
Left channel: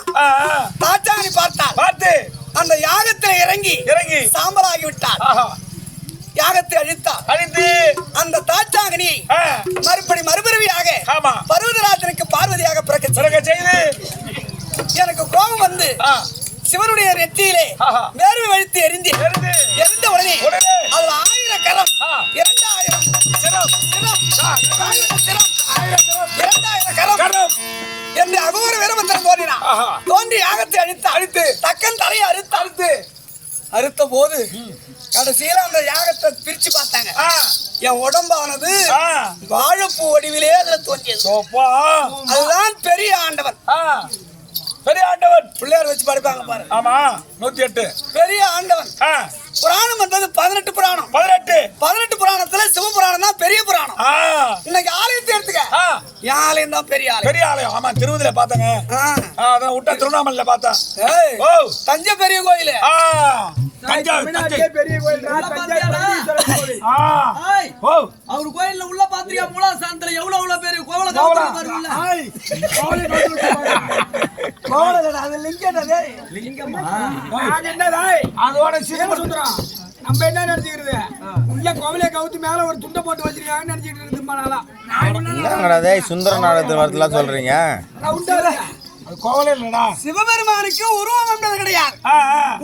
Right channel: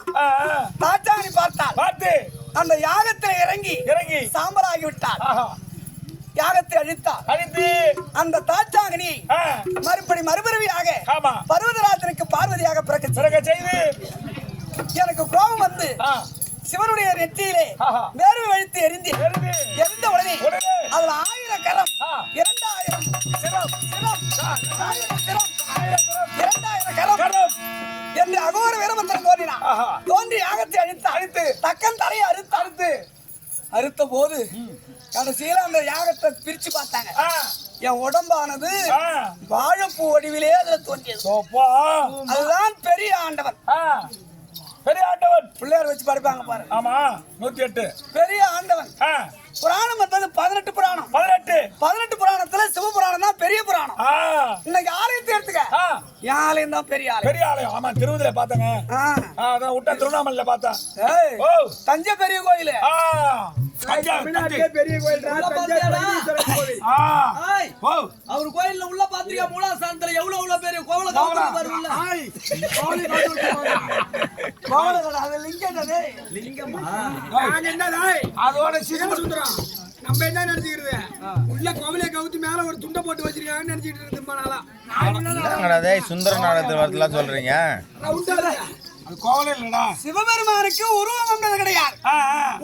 தாச்சாணி பார்த்து அந்த யாகத்தை இறங்கி சாம்பலாகி விட்டார். யாகத்தை அழித்து அந்த தாச்சாங்கனி மறுபிறவியாக பர்வதராஜனுக்கு பார்வதியாக பிறக்க செய்து எனக்கு கோபம் வந்து சிவனுடைய நெற்றியிலே வேர்வை வழித்து எரிந்த உடனே அதுல 1000 கரம் 2000 சிரம் 2000 கரம் என்று அகோர வீரமந்திரன் தோன்றினான். தோன்றி யாகத்தை அழித்து தக்கன் தலையை அறுத்த போது கடைசியில அந்த யாகத்தை பிரிச்சு பார்த்தாங்க. என் உடம்பானது வாழைப்பூ வடிவிலே அதுல தோன்றியது. அப்பா அதுதான் பெரிய ஆண்டவன். பெரிய ஆண்டவன் பிள்ளையார் வச்சு படிப்பாங்க பாரு. ஆமா 108 பெரிய ஆண்டவன். புராணம் என்பது 18 புராணம். 18 புராணத்துல சிவபுராணம் தான் பெரிய புராணம். இன்னைக்கு ஆலயத்தை எடுத்துக்க, என் ஆலயம் தான் பெரிய ஆலயம். பெரிய ஆலயம். ஆமா திருவதில பாத்தங்க. அதான் விட்ட திருவண்ணாமலையில பார்த்தா. தஞ்சை பெரிய கோயில். பெரிய கோயில். அவர் கோயில்ல உள்ள பாத்திரியா மூலாசானத்துல எவ்வளவு பெரிய கோவல காவல அது லிங்கமா அதோட சுந்தரம் நம்ம என்ன நினைச்சுக்கிறது? உள்ள கோவிலே கவுத்து மேல ஒரு துண்டை போட்டு வச்சிருக்காங்கன்னு நினைச்சிட்டு இருந்தோம்னால சுந்தர நாடகத்தில் வரதுலாம் சொல்றீங்க. கோவிலே இல்லடா. சிவபெருமானுக்கு உருவம் என்பது கிடையாது,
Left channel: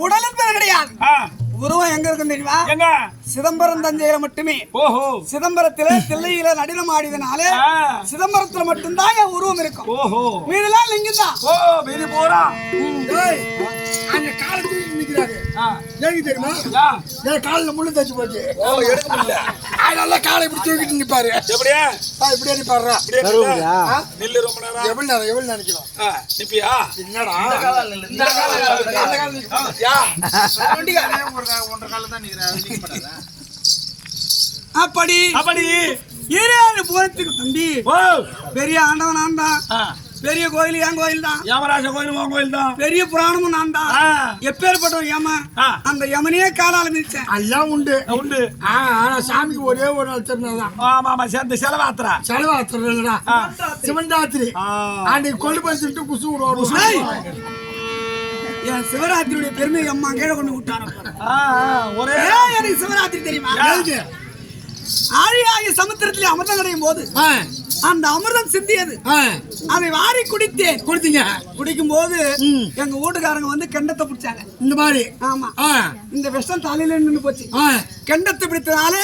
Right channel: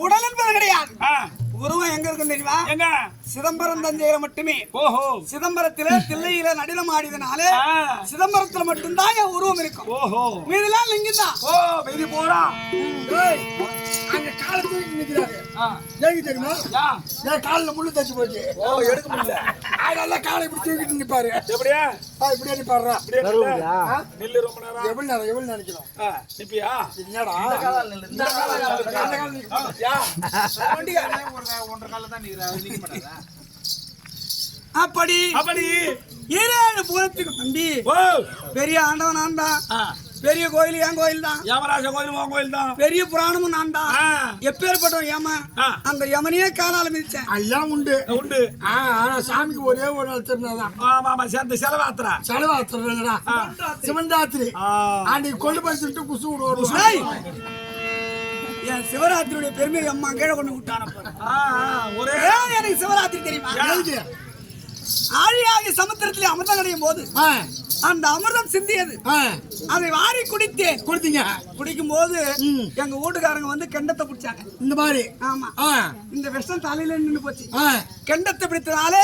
உடல் என்பது கிடையாது. உருவம் எங்க இருக்குன்னு தெரியுமா? சிதம்பரம் தஞ்சையில மட்டுமே. சிதம்பரத்தில தில்லையில நடனம் ஆடியதுனால சிதம்பரத்துல மட்டும்தான் என் உருவம் இருக்கும். மீதெல்லாம் லிங்கம் தான். அந்த காலத்துல நிக்கிறாரு. ஏங்க தெரியுமா? என் காலில் முள்ளு தச்சு போச்சு. எடுக்க முடியல. அதனால காலை இப்படி தூக்கிட்டு நிப்பாரு. எப்படியா? இப்படியே நிப்பாடுறா. நெல்லு ரொம்ப நேரம். எவ்வளவு நினைக்கிறோம்? நிப்பியா? என்னடா? அப்படி 7 புறத்துக்கு தம்பி பெரிய ஆண்டவன் நான் தான். பெரிய கோயில் என் கோயில் தான். யமராஜ கோயில் உன் கோயில் தான். பெரிய புராணமும் நான் தான். எப்பேற்பட்டவன் யம, அந்த யமனையே காலால மிதிச்சேன். எல்லாம் உண்டு. ஆனா சாமிக்கு ஒரே ஒரு நாள் திருநாள். ஆமா சேர்ந்து செலவாத்திரா சிவன்ராத்திரி அன்னைக்கு கொண்டு போய் சொல்லிட்டு குசு விடுவோம். என் சிவராத்திரியுடைய பெருமை அம்மா கீழே கொண்டு விட்டான. எனக்கு சிவராத்திரி தெரியுமா? ஆழியாகிய சமுத்திரத்திலே அமிர்தம் கிடையும் போது அந்த அமிர்தம் சிந்தியது. அதை வாரி குடித்தேன். குடிக்கும் போது எங்க வீட்டுக்காரங்க வந்து கெண்டத்தை பிடிச்சாங்க. இந்த மாதிரி. ஆமா, இந்த விஷம் தலையில நின்று போச்சு. கெண்டத்தை பிடித்ததால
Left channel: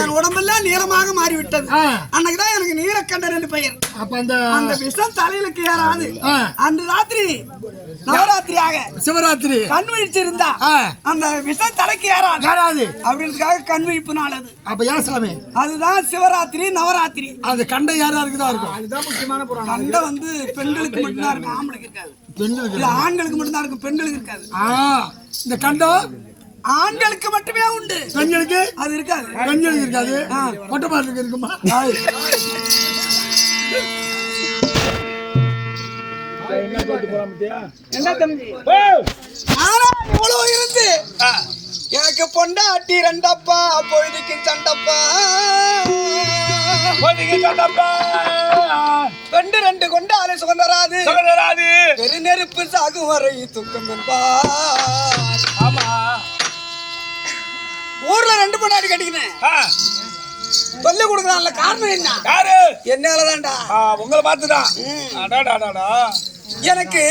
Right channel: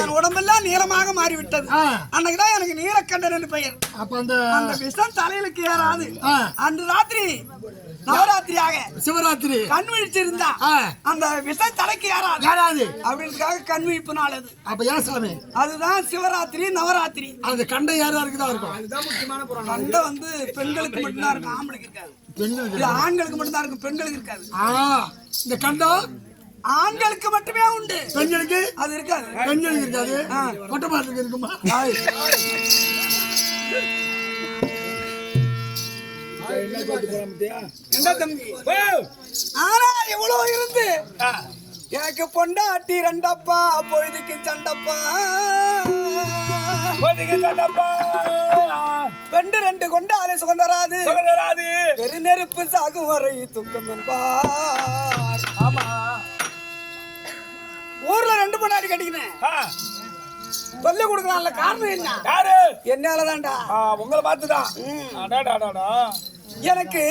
என் உடம்பெல்லாம் நீளமாக மாறிவிட்டது. அன்னைக்குதான் எனக்கு நீலக்கண்டன் என்று பெயர். அப்ப அந்த விஷம் தலையிலுக்கு ஏறாது. அந்த ராத்திரி நவராத்திரியாக சிவராத்திரி கண் விழிச்சிருந்தா அந்த விஷம் தலைக்கு ஏறாது அப்படின்றதுக்காக கண் விழிப்பு நாள் அது. அப்ப ஏன் சாமி? அதுதான் சிவராத்திரி நவராத்திரி. அது கண்டை யாரா இருக்குதா இருக்கும். அதுதான் முக்கியமான புராணம். கண்டை வந்து பெண்களுக்கு மட்டும்தான் இருக்கும், ஆம்பளைக்கு இருக்காது. பெண்களுக்கு ஆண்களுக்கு மட்டும்தான் இருக்கும், பெண்களுக்கு இருக்காது. இந்த கண்டம் ஆண்களுக்கு மட்டுமே உண்டு, பெண்களுக்கு அது இருக்காது. பெண்களுக்கு இருக்காது, மொட்டை பாட்டுக்கு இருக்குமா? என்ன தம்பி இவ்வளவு இருந்து எனக்கு பொண்டாட்டி ரெண்டப்பா, பொழுதுக்கு சண்டப்பா, பெண்டு 2 கொண்டாலே சுகந்தராது, பெரு நெருப்பு சாகும் வரை துக்கம் என்பா. ஆமா, ஊர்ல 2 பொண்டாட்டி கட்டிக்கினேன். சொல்லி கொடுக்கறான்ல, காரணம் என்ன? யாரு? என்னாலதான்டா. உங்களை பார்த்துதான். எனக்கு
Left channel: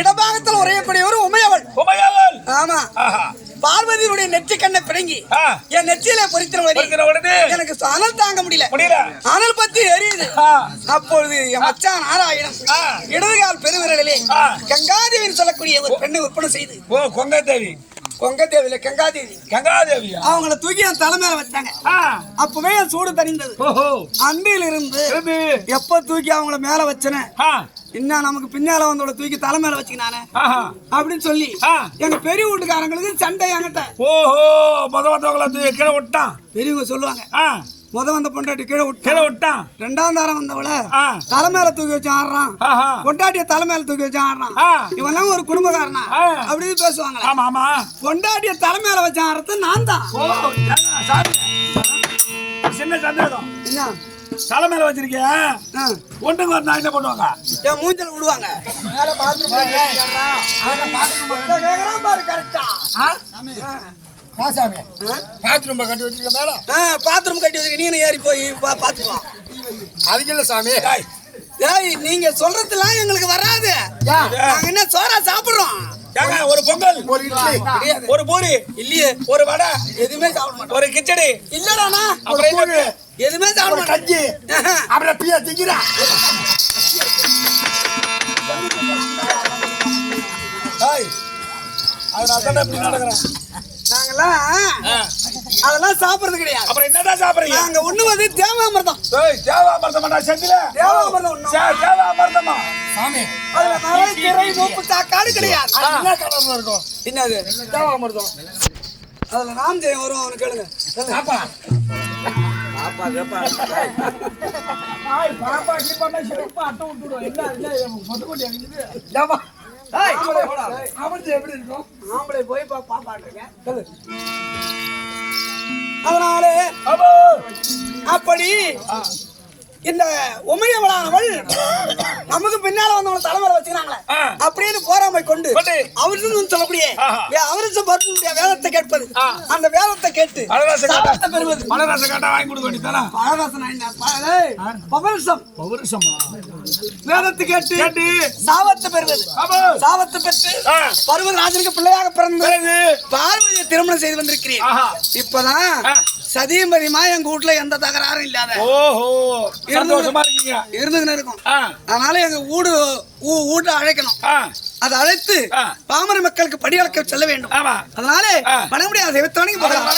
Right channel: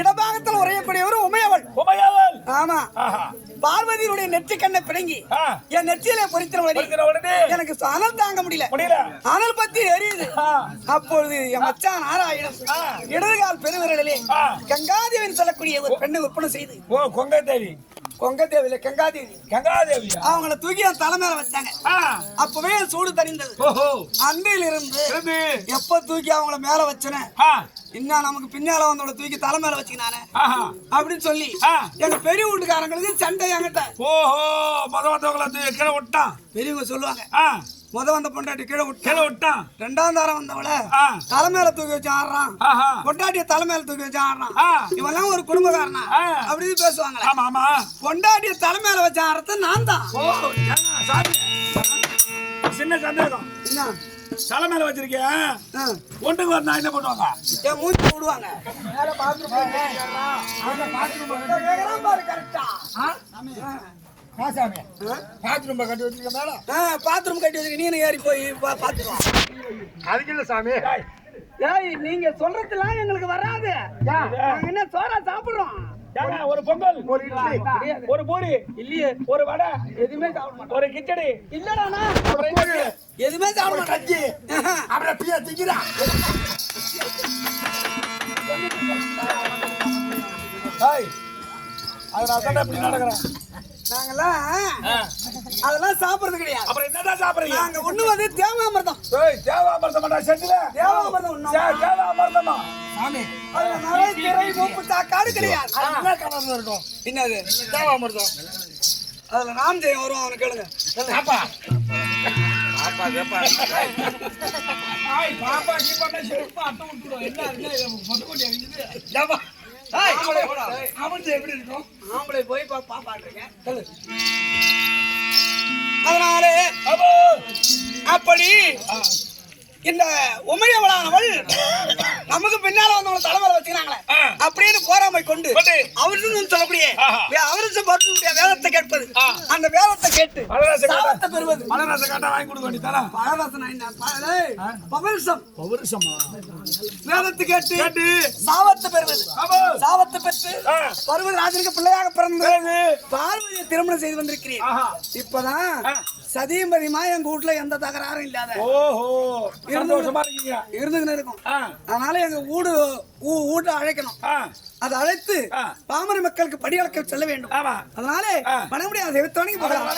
இடபாகத்தில் உரையக்கூடியவர் உமையவள். ஆமா, பார்வதியுடைய நெற்றி கண்ணை பிடுங்கி என் நெற்றியில பொறித்திர எனக்கு அனல் தாங்க முடியல. அனல் பத்தி எரியுது. அப்பொழுது என் மச்சான் நாராயணன் இடதுகால் பெருவிரலிலே கங்காதேவின்னு சொல்லக்கூடிய ஒரு பெண்ணை விற்பனை செய்து, கொங்கதேவியில கங்காதேவி அவங்கள தூக்கி என் தலை மேல வச்சாங்க. அப்பவே சூடு தணிந்தது. அன்பில் இருந்து எப்ப தூக்கி அவங்கள மேல வச்சன, இன்னும் நமக்கு பின்னால வந்தோட தூக்கி தலை மேல வச்சுக்கினானே அப்படின்னு சொல்லி எங்க பெரிய வீட்டுக்காரங்களுக்கு சண்டை. என்கிட்ட பெரியவங்க சொல்லுவாங்க, முத வந்த பொண்டாட்டி கீழே விட்டான், 2ஆம் தாரம் வந்தவள தலை மேல தூக்கி வச்சு ஆடுறான், பொண்டாட்டிய தலை மேல தூக்கி வச்சு ஆடுறான், இவெல்லாம் ஒரு குடும்பக்காரனா அப்படின்னு பேசுவாங்க. பொண்டாட்டிய தலை மேல வச்சு ஆடுறது நான் தான். சின்ன சந்தேகம், தலை மேல வச்சிருக்கியா? ஒன்றுங்க நான் என்ன பண்ணுவாங்க? என் மூச்சை விடுவாங்க. பாத்ரூம் கட்டி வச்சிருக்க மேல. பாத்ரூம் கட்டி வச்சிருக்க, நீ ஏறி போய் பாத்துக்கலாம். அதுக்கு இல்ல சாமி, நீங்க சொல்றதுலாம் எங்களுக்கு வராது. நாங்க என்ன சோறா சாப்பிடுறோம்? ஒரு பொங்கல், ஒரு இட்லி, ஒரு பூரி இல்லையே, ஒரு வடை, எதுவுமே சாப்பிட மாட்டோம். ஒரு கிச்சடி இல்லடானா, எதுவுமே சாப்பிட மாட்டோம். கஞ்சி, அப்புறம் பியா திங்கிறா. அதனால இப்படி நடக்கிறேன். நாங்கெல்லாம் அதெல்லாம் சாப்பிடுறது கிடையாது. அப்புறம் என்னதான் சாப்பிடுறீங்க? நாங்க உண்ணுவது தேவாமிர்தம். தேவாமிர்தமா செந்தில? தேவாமிர்தம் உண்ணும். தேவாமிர்தமா? சாமி அதுல நிறைய திரை மூப்பு சாக்காடு கிடையாது. என்ன கலர்ல இருக்கும்? என்னது தேவாமிர்தம். அதுல ராம் ஜெயம் வரும். அவனு கேளுங்க. சாப்பா பாப்பா கீப்பா சிறப்பா அட்டை விட்டுடும். என்ன மொத்தப்பட்டி அடிக்குது. அவன் எப்படி இருக்கும்? ஆம்பளை போய் பாப்பாட்டுங்க. அதனாலே அப்படி இந்த உமையவளானவள் நமக்கு பின்னால வந்தவங்க தலைமையில வச்சுக்கிறாங்களே அப்படின்னு போராமை கொண்டு அவருன்னு சொல்லக்கூடிய அவருக்கு பார்த்து வேதத்தை கேட்பது. அந்த வேதத்தை கேட்டு சாபத்தை பெறுவது. மலராசை கேட்டா வாங்கி கொடுக்க வேண்டியதானே? வேதத்தை கேட்டு சாபத்தை பெறுவது. சாபத்தை பெற்று பருவராஜனுக்கு பிள்ளையாக பிறந்தது பார்வதியை திருமணம் செய்து வந்திருக்கிறேன். இப்பதான் சதியம்பதியமா எங்க வீட்டுல எந்த தகராறும் இல்லாத சந்தோஷமா இருக்கீங்க. இருந்துகிட்டு இருக்கும். அதனால எங்க வீட்டை அழைக்கணும். அதை அழைத்து பாமர மக்களுக்கு படியளக்க செல்ல வேண்டும். அதனால பண்ண முடியாது. தெய்வத்தானே போகலாம்.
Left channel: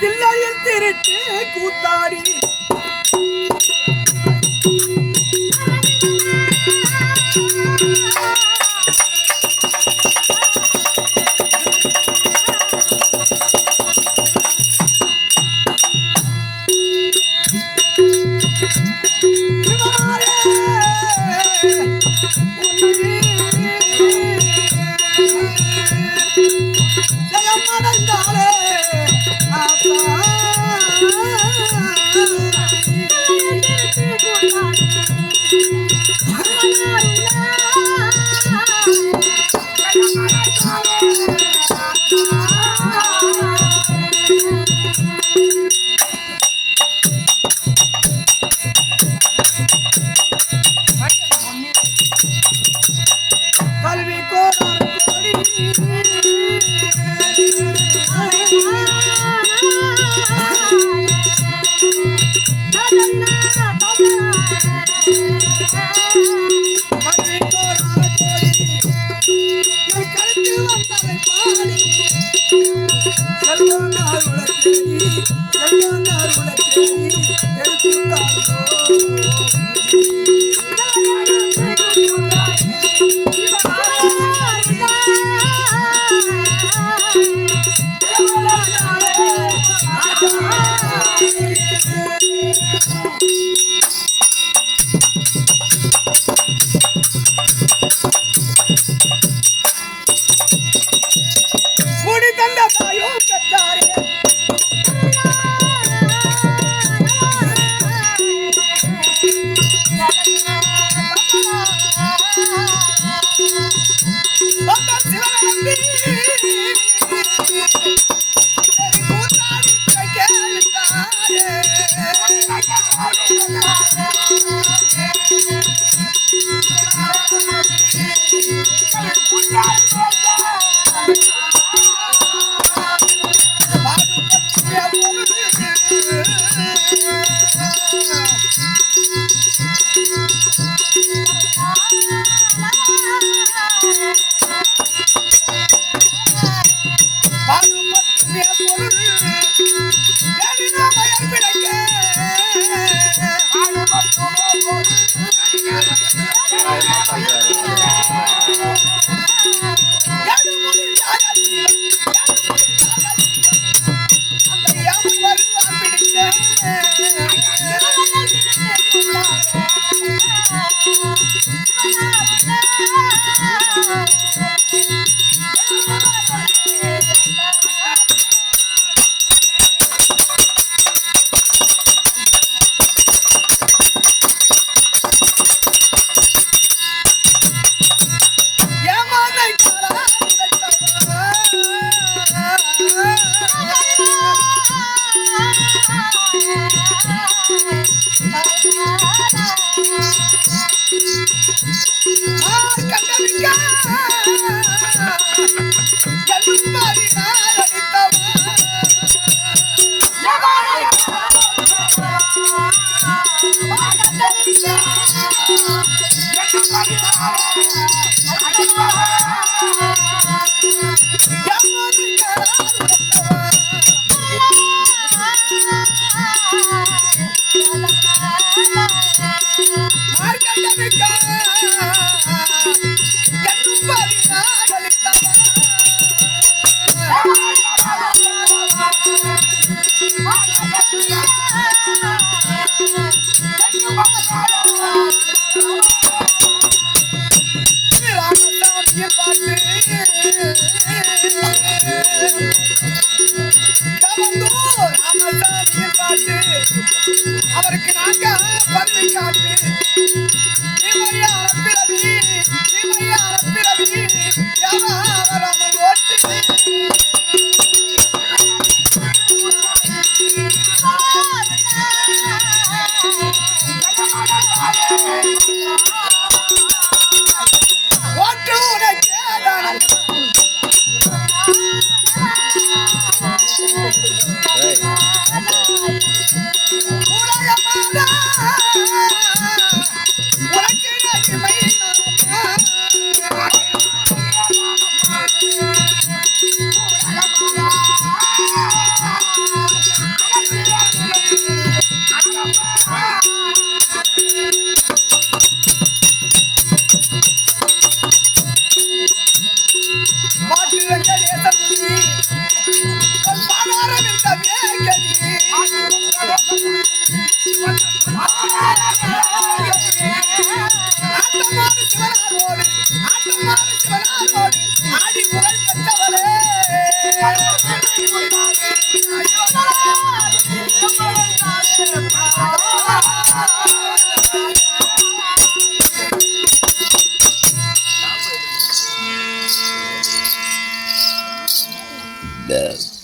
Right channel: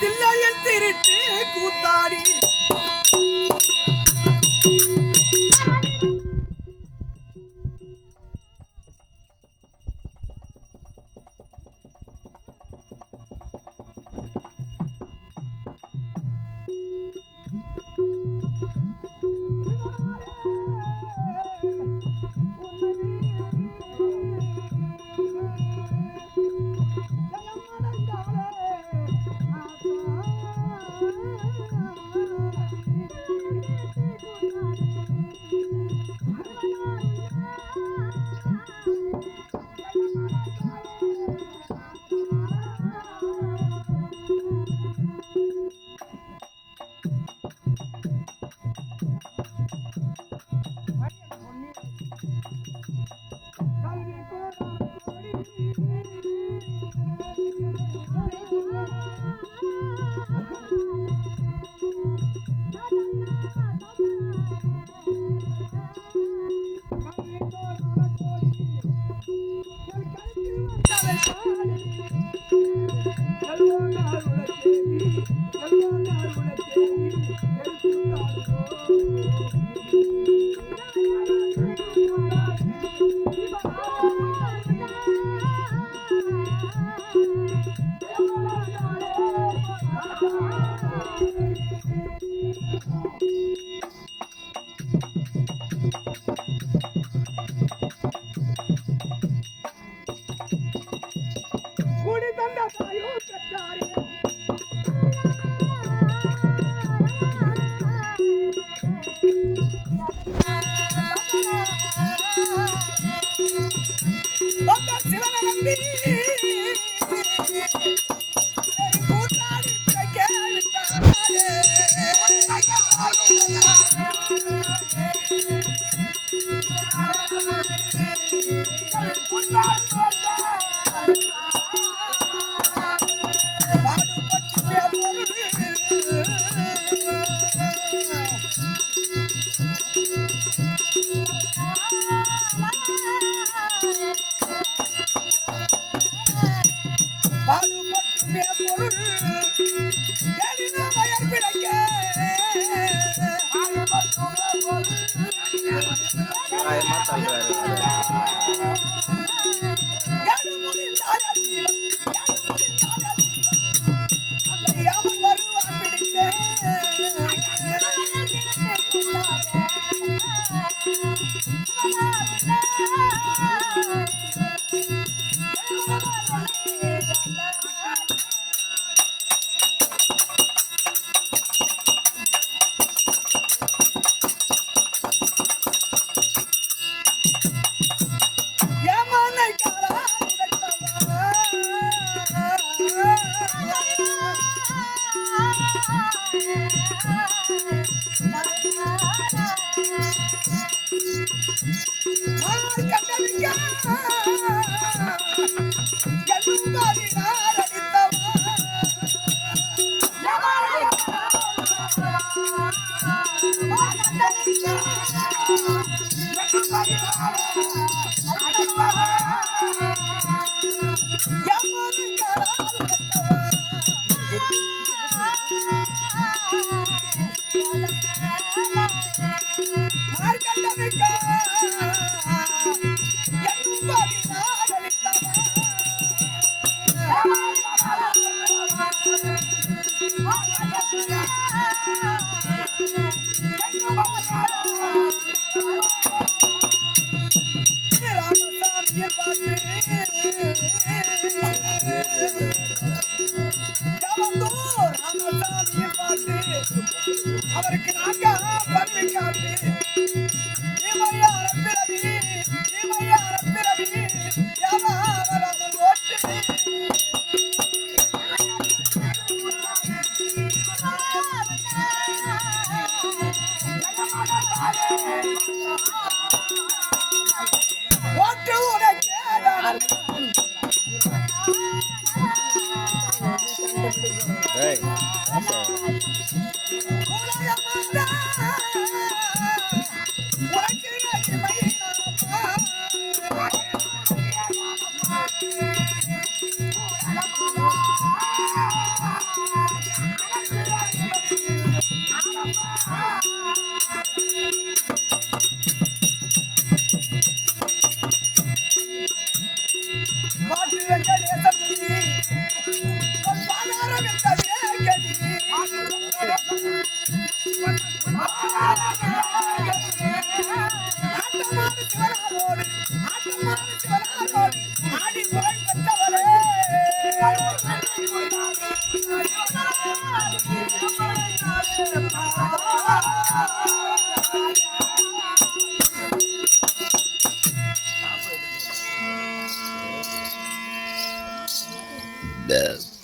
தில்லையில் திருட்டு கூத்தாடி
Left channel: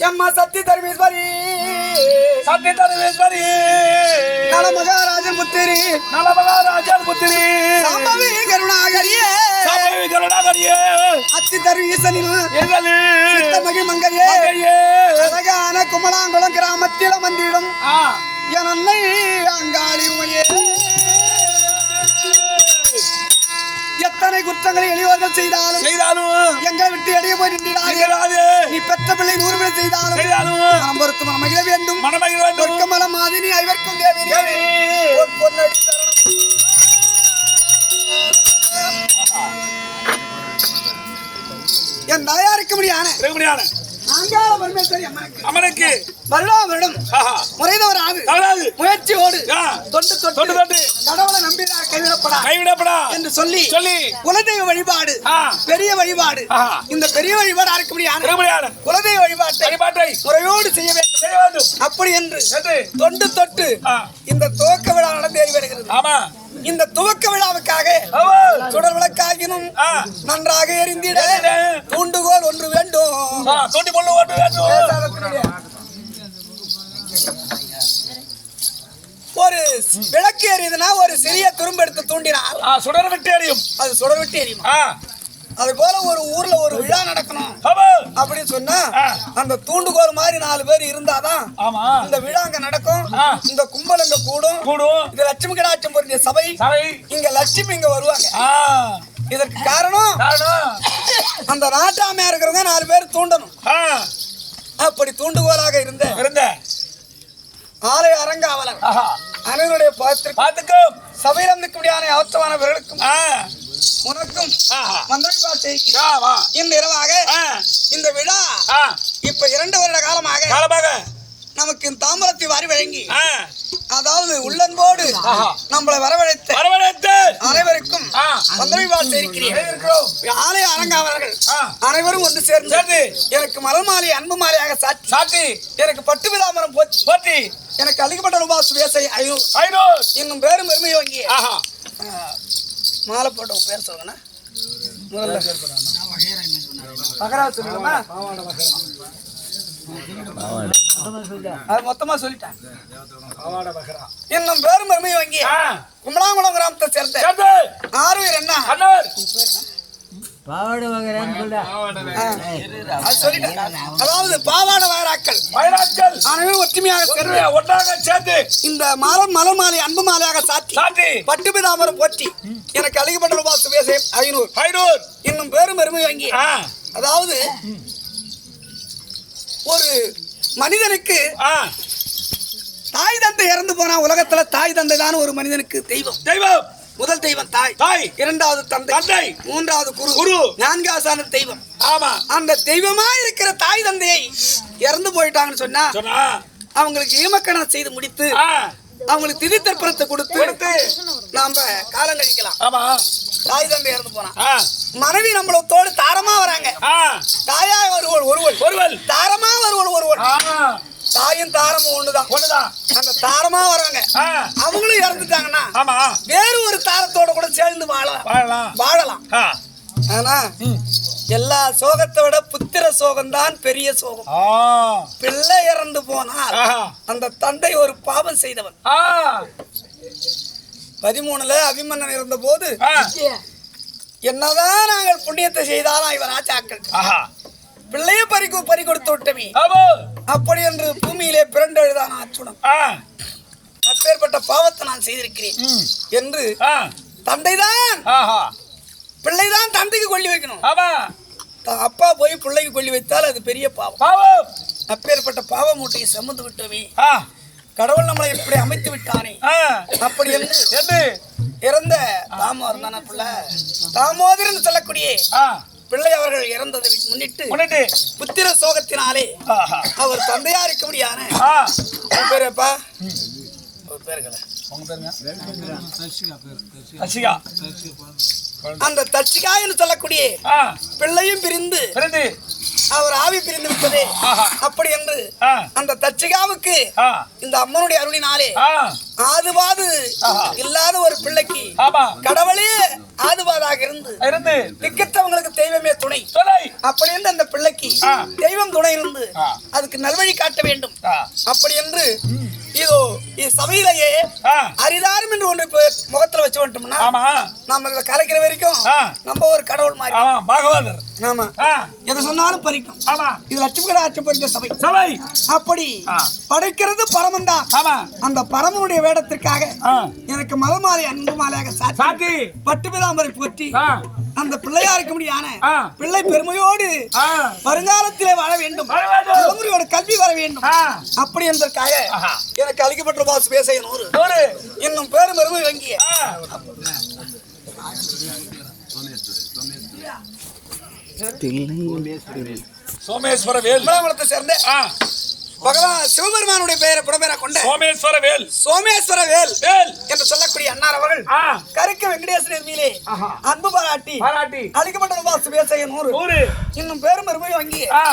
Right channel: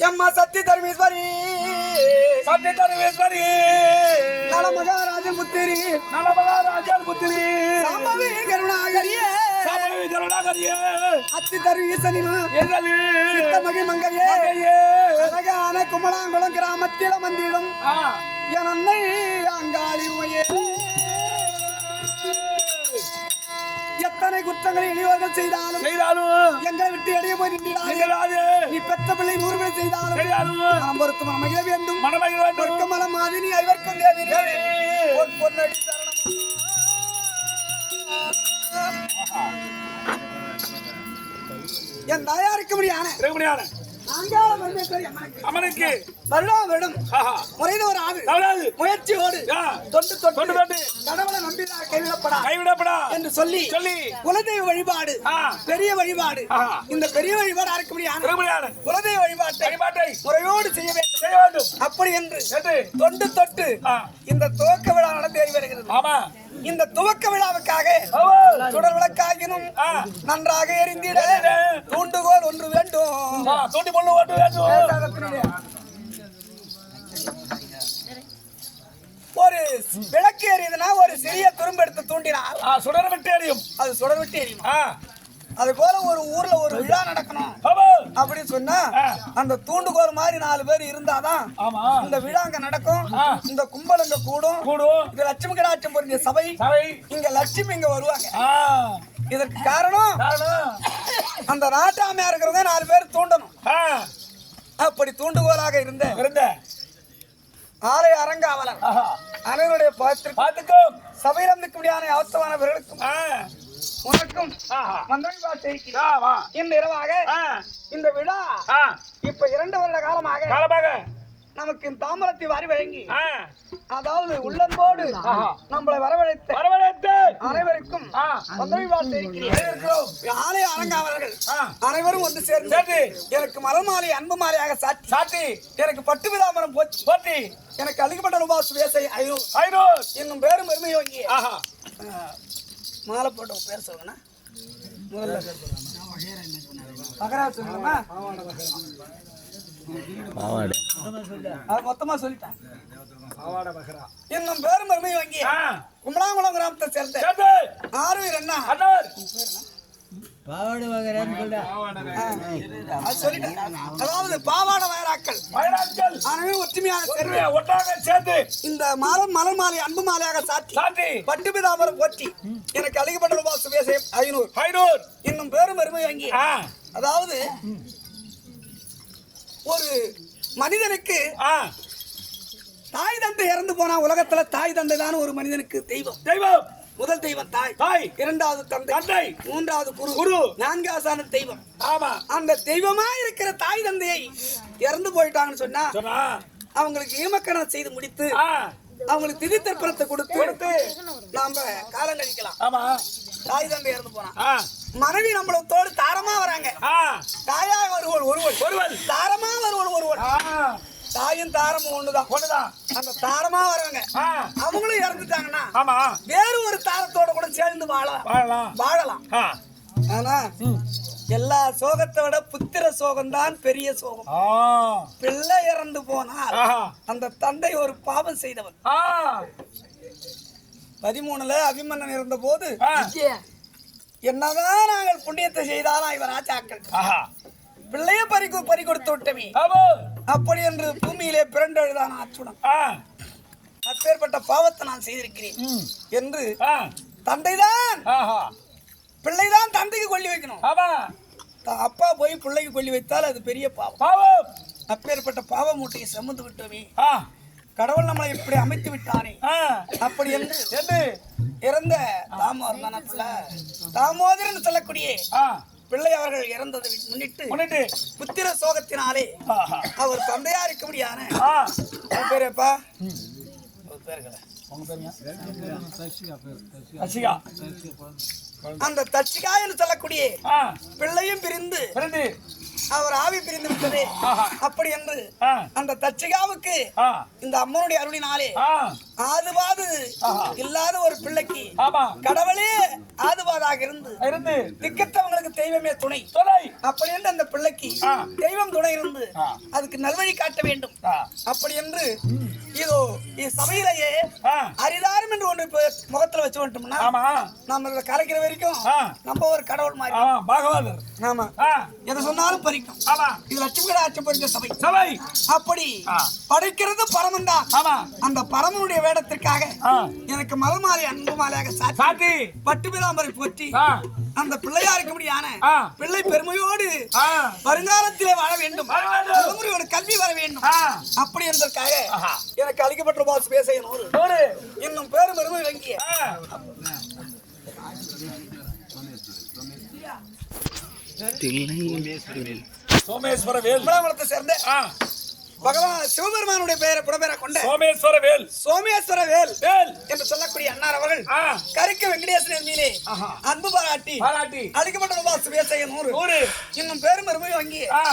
எம்மா சத்தி தர்மீஸ்வரி சத்தி தருவேஸ்வரி நல மகாராஜன் புத்திரி நலமகாராஜன் புத்திரி சாம்பவி கருணாகரியே சாம்பவி கருணாகரியே அத்தி தர்வீசனில் எங்களே சித்தமகி மங்கையே மங்கையே அழகான குமலாங்குளம் கிராமத்தில் வந்திடும் என் அன்னை அங்காளி ஊழியே எத்தனை குற்றங்களை எளியவர்கள் செய்தாலும் எங்களை விட்டு எடைய போய் நின்றார்கள். நீ பெற்ற பிள்ளை 100 பேர் செய்தாலும் நாம் பொறுத்து மனமகிழ வேண்டும். சொர்க்கமலம் மாதினி ஐவர்க்கும் தேவி உன் பொன்னடி சரணம். என் தாயாருக்கு முடியான அங்காள பரமேஸ்வரி அம்மனுக்கு வருடா வருடம் முறைதவராது முயற்சியோடு தொண்டு தொட்டு கடவுளை நம்பினா கைவிடப்படா என்று சொல்லி குலதெய்வ வழிபாடு பெரிய வழிபாடு இந்த பெரிய வழிபாடு யாருக்கு முடியாது குலதெய்வ வழிபாட்டை முறையோடு செய்ய வேண்டும். அப்படி என்று தொண்டு தொட்டு இந்த துவக்க விழா நடந்தேறி வருகிறது. இந்த துவக்க விழாவுக்காக சுடர் விளக்காகினும் நன்றாக எரிந்திட தூண்டுகோல் ஒன்று வேண்டும். ஒரு விளக்கு எரியுதுன்னா ஒரு சிறிய துரும்பு எடுத்து தூண்டினார் சுடர் விட்டு எரியும். அது சுடர் விட்டு எரியும். அது போல ஒரு ஊர்ல ஒரு விழா நடக்கணும் அப்படின்னு சொன்னா அந்த தூண்டுகோல் மாதிரி 4 பேர் இருந்தாதான் இந்த விழா அங்க நடக்கும். இந்த கும்பல் அங்க கூடும். இந்த லட்சுமி கடாட்சம் பொருந்திய சபை இங்க லட்சுமி இங்க வருவாங்க. இதற்கு காரணம் அந்த நாட்டாமையா இருக்கிறவங்க 4 பேர் தூண்டணும். அப்படி தூண்டுகோலாக இருந்த ஆலய அரங்காவலர் அனைவருடைய பார்த்துக்கும் சபையில் இருக்கக்கூடிய அவசரமானவர்களுக்கும் உனக்கும் இந்த இரவாக இந்த விழா இப்ப 2 வருட காலமாக நமக்கு தாம்பரத்தை வாரி வழங்கி அதாவது உள்ளன்போடு நம்மளை வரவழைத்து அனைவருக்கும் ஆலய அரங்காவலர்கள் அனைவரும் வந்து சேர்ந்து எனக்கு மலர் மாலை அன்பு மாலையாக சாட்டி எனக்கு பட்டு விழாமரம் போற்றி எனக்கு அளிக்கப்பட்ட ரூபாய் சுவேசை 500 இன்னும் பேரும் பெருமை வாங்கி மாலை போட்ட பேர் சொல்லுங்க மகராஜ் சொல்லுங்கம்மா. அது மொத்தமா சொல்லிட்டேன். இன்னும் பேரும் பெருமை வாங்கி கும்பலாங்குளம் கிராமத்தை சேர்ந்த ஆறுவீர் என்ன அதாவது பாவாட வயராக்கள் அனைவரும் ஒற்றுமையாக சேர்ந்து இந்த மலர் மாலை அன்பு மாலையாக சாத்தி பட்டு பிதாமரம் போற்றி எனக்கு அளிக்கப்பட்ட ரூபாய் சுவேசை 500 இன்னும் பேரும் பெருமை வாங்கி அதாவது ஒரு மனிதனுக்கு தாய் தந்தை இறந்து போனா உலகத்துல தாய் தந்தை தான் ஒரு மனிதனுக்கு தெய்வம். முதல் தெய்வம் தாய், இரண்டாவது தந்தை, மூன்றாவது குரு, நான்காவது தெய்வம். அந்த தெய்வமா இருக்கிற தாய் தந்தையை இறந்து போயிட்டாங்கன்னு சொன்னா அவங்களுக்கு ஈமக்கணம் செய்து முடித்து அவங்களுக்கு திதி தர்ப்பணத்தை கொடுத்து நாம காலம் கழிக்கலாம். தாய் தந்தை இறந்து போனா மனைவி நம்மளோடு தாரமா வராங்க. தாயா ஒருவள் தாரமா ஒருவள் தாயும் தாரமும் ஒண்ணுதான். அந்த தாரமா வராங்க அவங்களும் இறந்துட்டாங்கன்னா வேறு ஒரு தாரத்தோட கூட சேர்ந்து வாழலாம். ஆனா எல்லா சோகத்தை விட புத்திர சோகம் தான் பெரிய சோகம். பிள்ளை இறந்து போனால் அந்த தந்தை ஒரு பாவம் செய்தவன். 13ல அபிமன்னன் இருந்த போது என்னதான் நாங்கள் புண்ணியத்தை செய்தாலும் இவர் ஆச்சாக்கள் ஆஹா பிள்ளையை பறி கொடுத்து விட்டவி ஆமா அப்படி என்று பூமியிலே பிறண்டு எழுதான அச்சுணம் ஆ அப்பேற்பட்ட பாவத்தை நான் செய்திருக்கிறேன் என்று ஆ தந்தைதான் ஆஹா பிள்ளைதான் தந்தைக்கு கொல்லி வைக்கணும். ஆமா அப்பா போய் பிள்ளைக்கு கொல்லி வைத்தால் அது பெரிய பாவம். பாவம் அப்பேற்பட்ட பாவ மூட்டையை சுமந்து விட்டவே ஆ கடவுள் நம்மளை எப்படி அமைத்து விட்டானே ஆ அப்படி என்று என்ன இறந்த தாமோதர் தான பிள்ளை தாமோதரன் சொல்லக்கூடிய ஆ பிள்ளை அவர்கள் இறந்ததை முன்னிட்டு முன்னே புத்திர சோகத்தினாலே ஆஹா அவர் தந்தையா இருக்கும்படியான ஆ பேரப்பா ஒரு பேருங்கள உங்க பேருங்க அசிகா அந்த தச்சிகா என்று சொல்லக்கூடிய ஆ பிள்ளையும் பிரிந்து பிறந்து அவர் ஆவி பிரிந்து விட்டதே ஆஹா அப்படி என்று ஆ அந்த தச்சிகாவுக்கு ஆ இந்த அம்மனுடைய அருளினாலே ஆ ஆதுவாது ஆஹா. இல்லாத ஒரு பிள்ளைக்கு ஆமா கடவுளே ஆதுவாதாக இருந்து இருந்து திக்கத்தவங்களுக்கு தெய்வமே துணை சொல்லை அப்படி என்று அந்த பிள்ளைக்கு ஆ. தெய்வம் துணை இருந்து ஆ. அதுக்கு நல்வழி காட்ட வேண்டும் ஆ அப்படி என்று இதோ சபையிலேயே ஆ அரிதாரம் என்று ஒன்று இப்ப முகத்துல வச்சு வந்துட்டோம்னா ஆமா நாம இதை கலைக்கிற வரைக்கும் ஆ. நம்ம ஒரு கடவுள் மாதிரி ஆமா பாகவதர் நாம ஆ எதை சொன்னாலும் பறிக்கும் ஆமா இது லட்சுமிகட ஆட்சி பறித்த சபை சபை அப்படி ஆ. படைக்கிறது பரமன் தான் ஆமா அந்த பரமனுடைய வேடத்திற்காக ஆ எனக்கு மலமாலை அன்பு மாலையாக சாத்தி சாத்தி பட்டுமிதாமரை போற்றி ஆ அந்த பிள்ளையாருக்கு முடியான ஆ. பிள்ளை பெருமையோடு ஆ வருங்காலத்திலே வாழ வேண்டும் வாழ வேண்டும். தலைமுறையோட கல்வி வர வேண்டும் ஆ அப்படி என்பதற்காக ஆஹா. எனக்கு அளிக்கப்பட்ட பாசு பேச நூறு ஒரு இன்னும் பேரும் பெருமை வங்கிய ஆ சோமேஸ்வர வேல் விமலாபுரத்தை சேர்ந்த ஆ பகவான் சிவபெருமானுடைய பெயரை புறம்பெற கொண்ட சோமேஸ்வர வேல் சோமேஸ்வர வேல் வேல் என்று சொல்லக்கூடிய அன்னார் அவர்கள் ஆ கரிக்க வெங்கடேஸ்வரன் மீதே ஆஹா. அன்பு பாராட்டி பாராட்டி அளிக்கப்பட்ட பாசு பேச நூறு ஒரு இன்னும் பேரும் பெருமை வங்கிய ஆ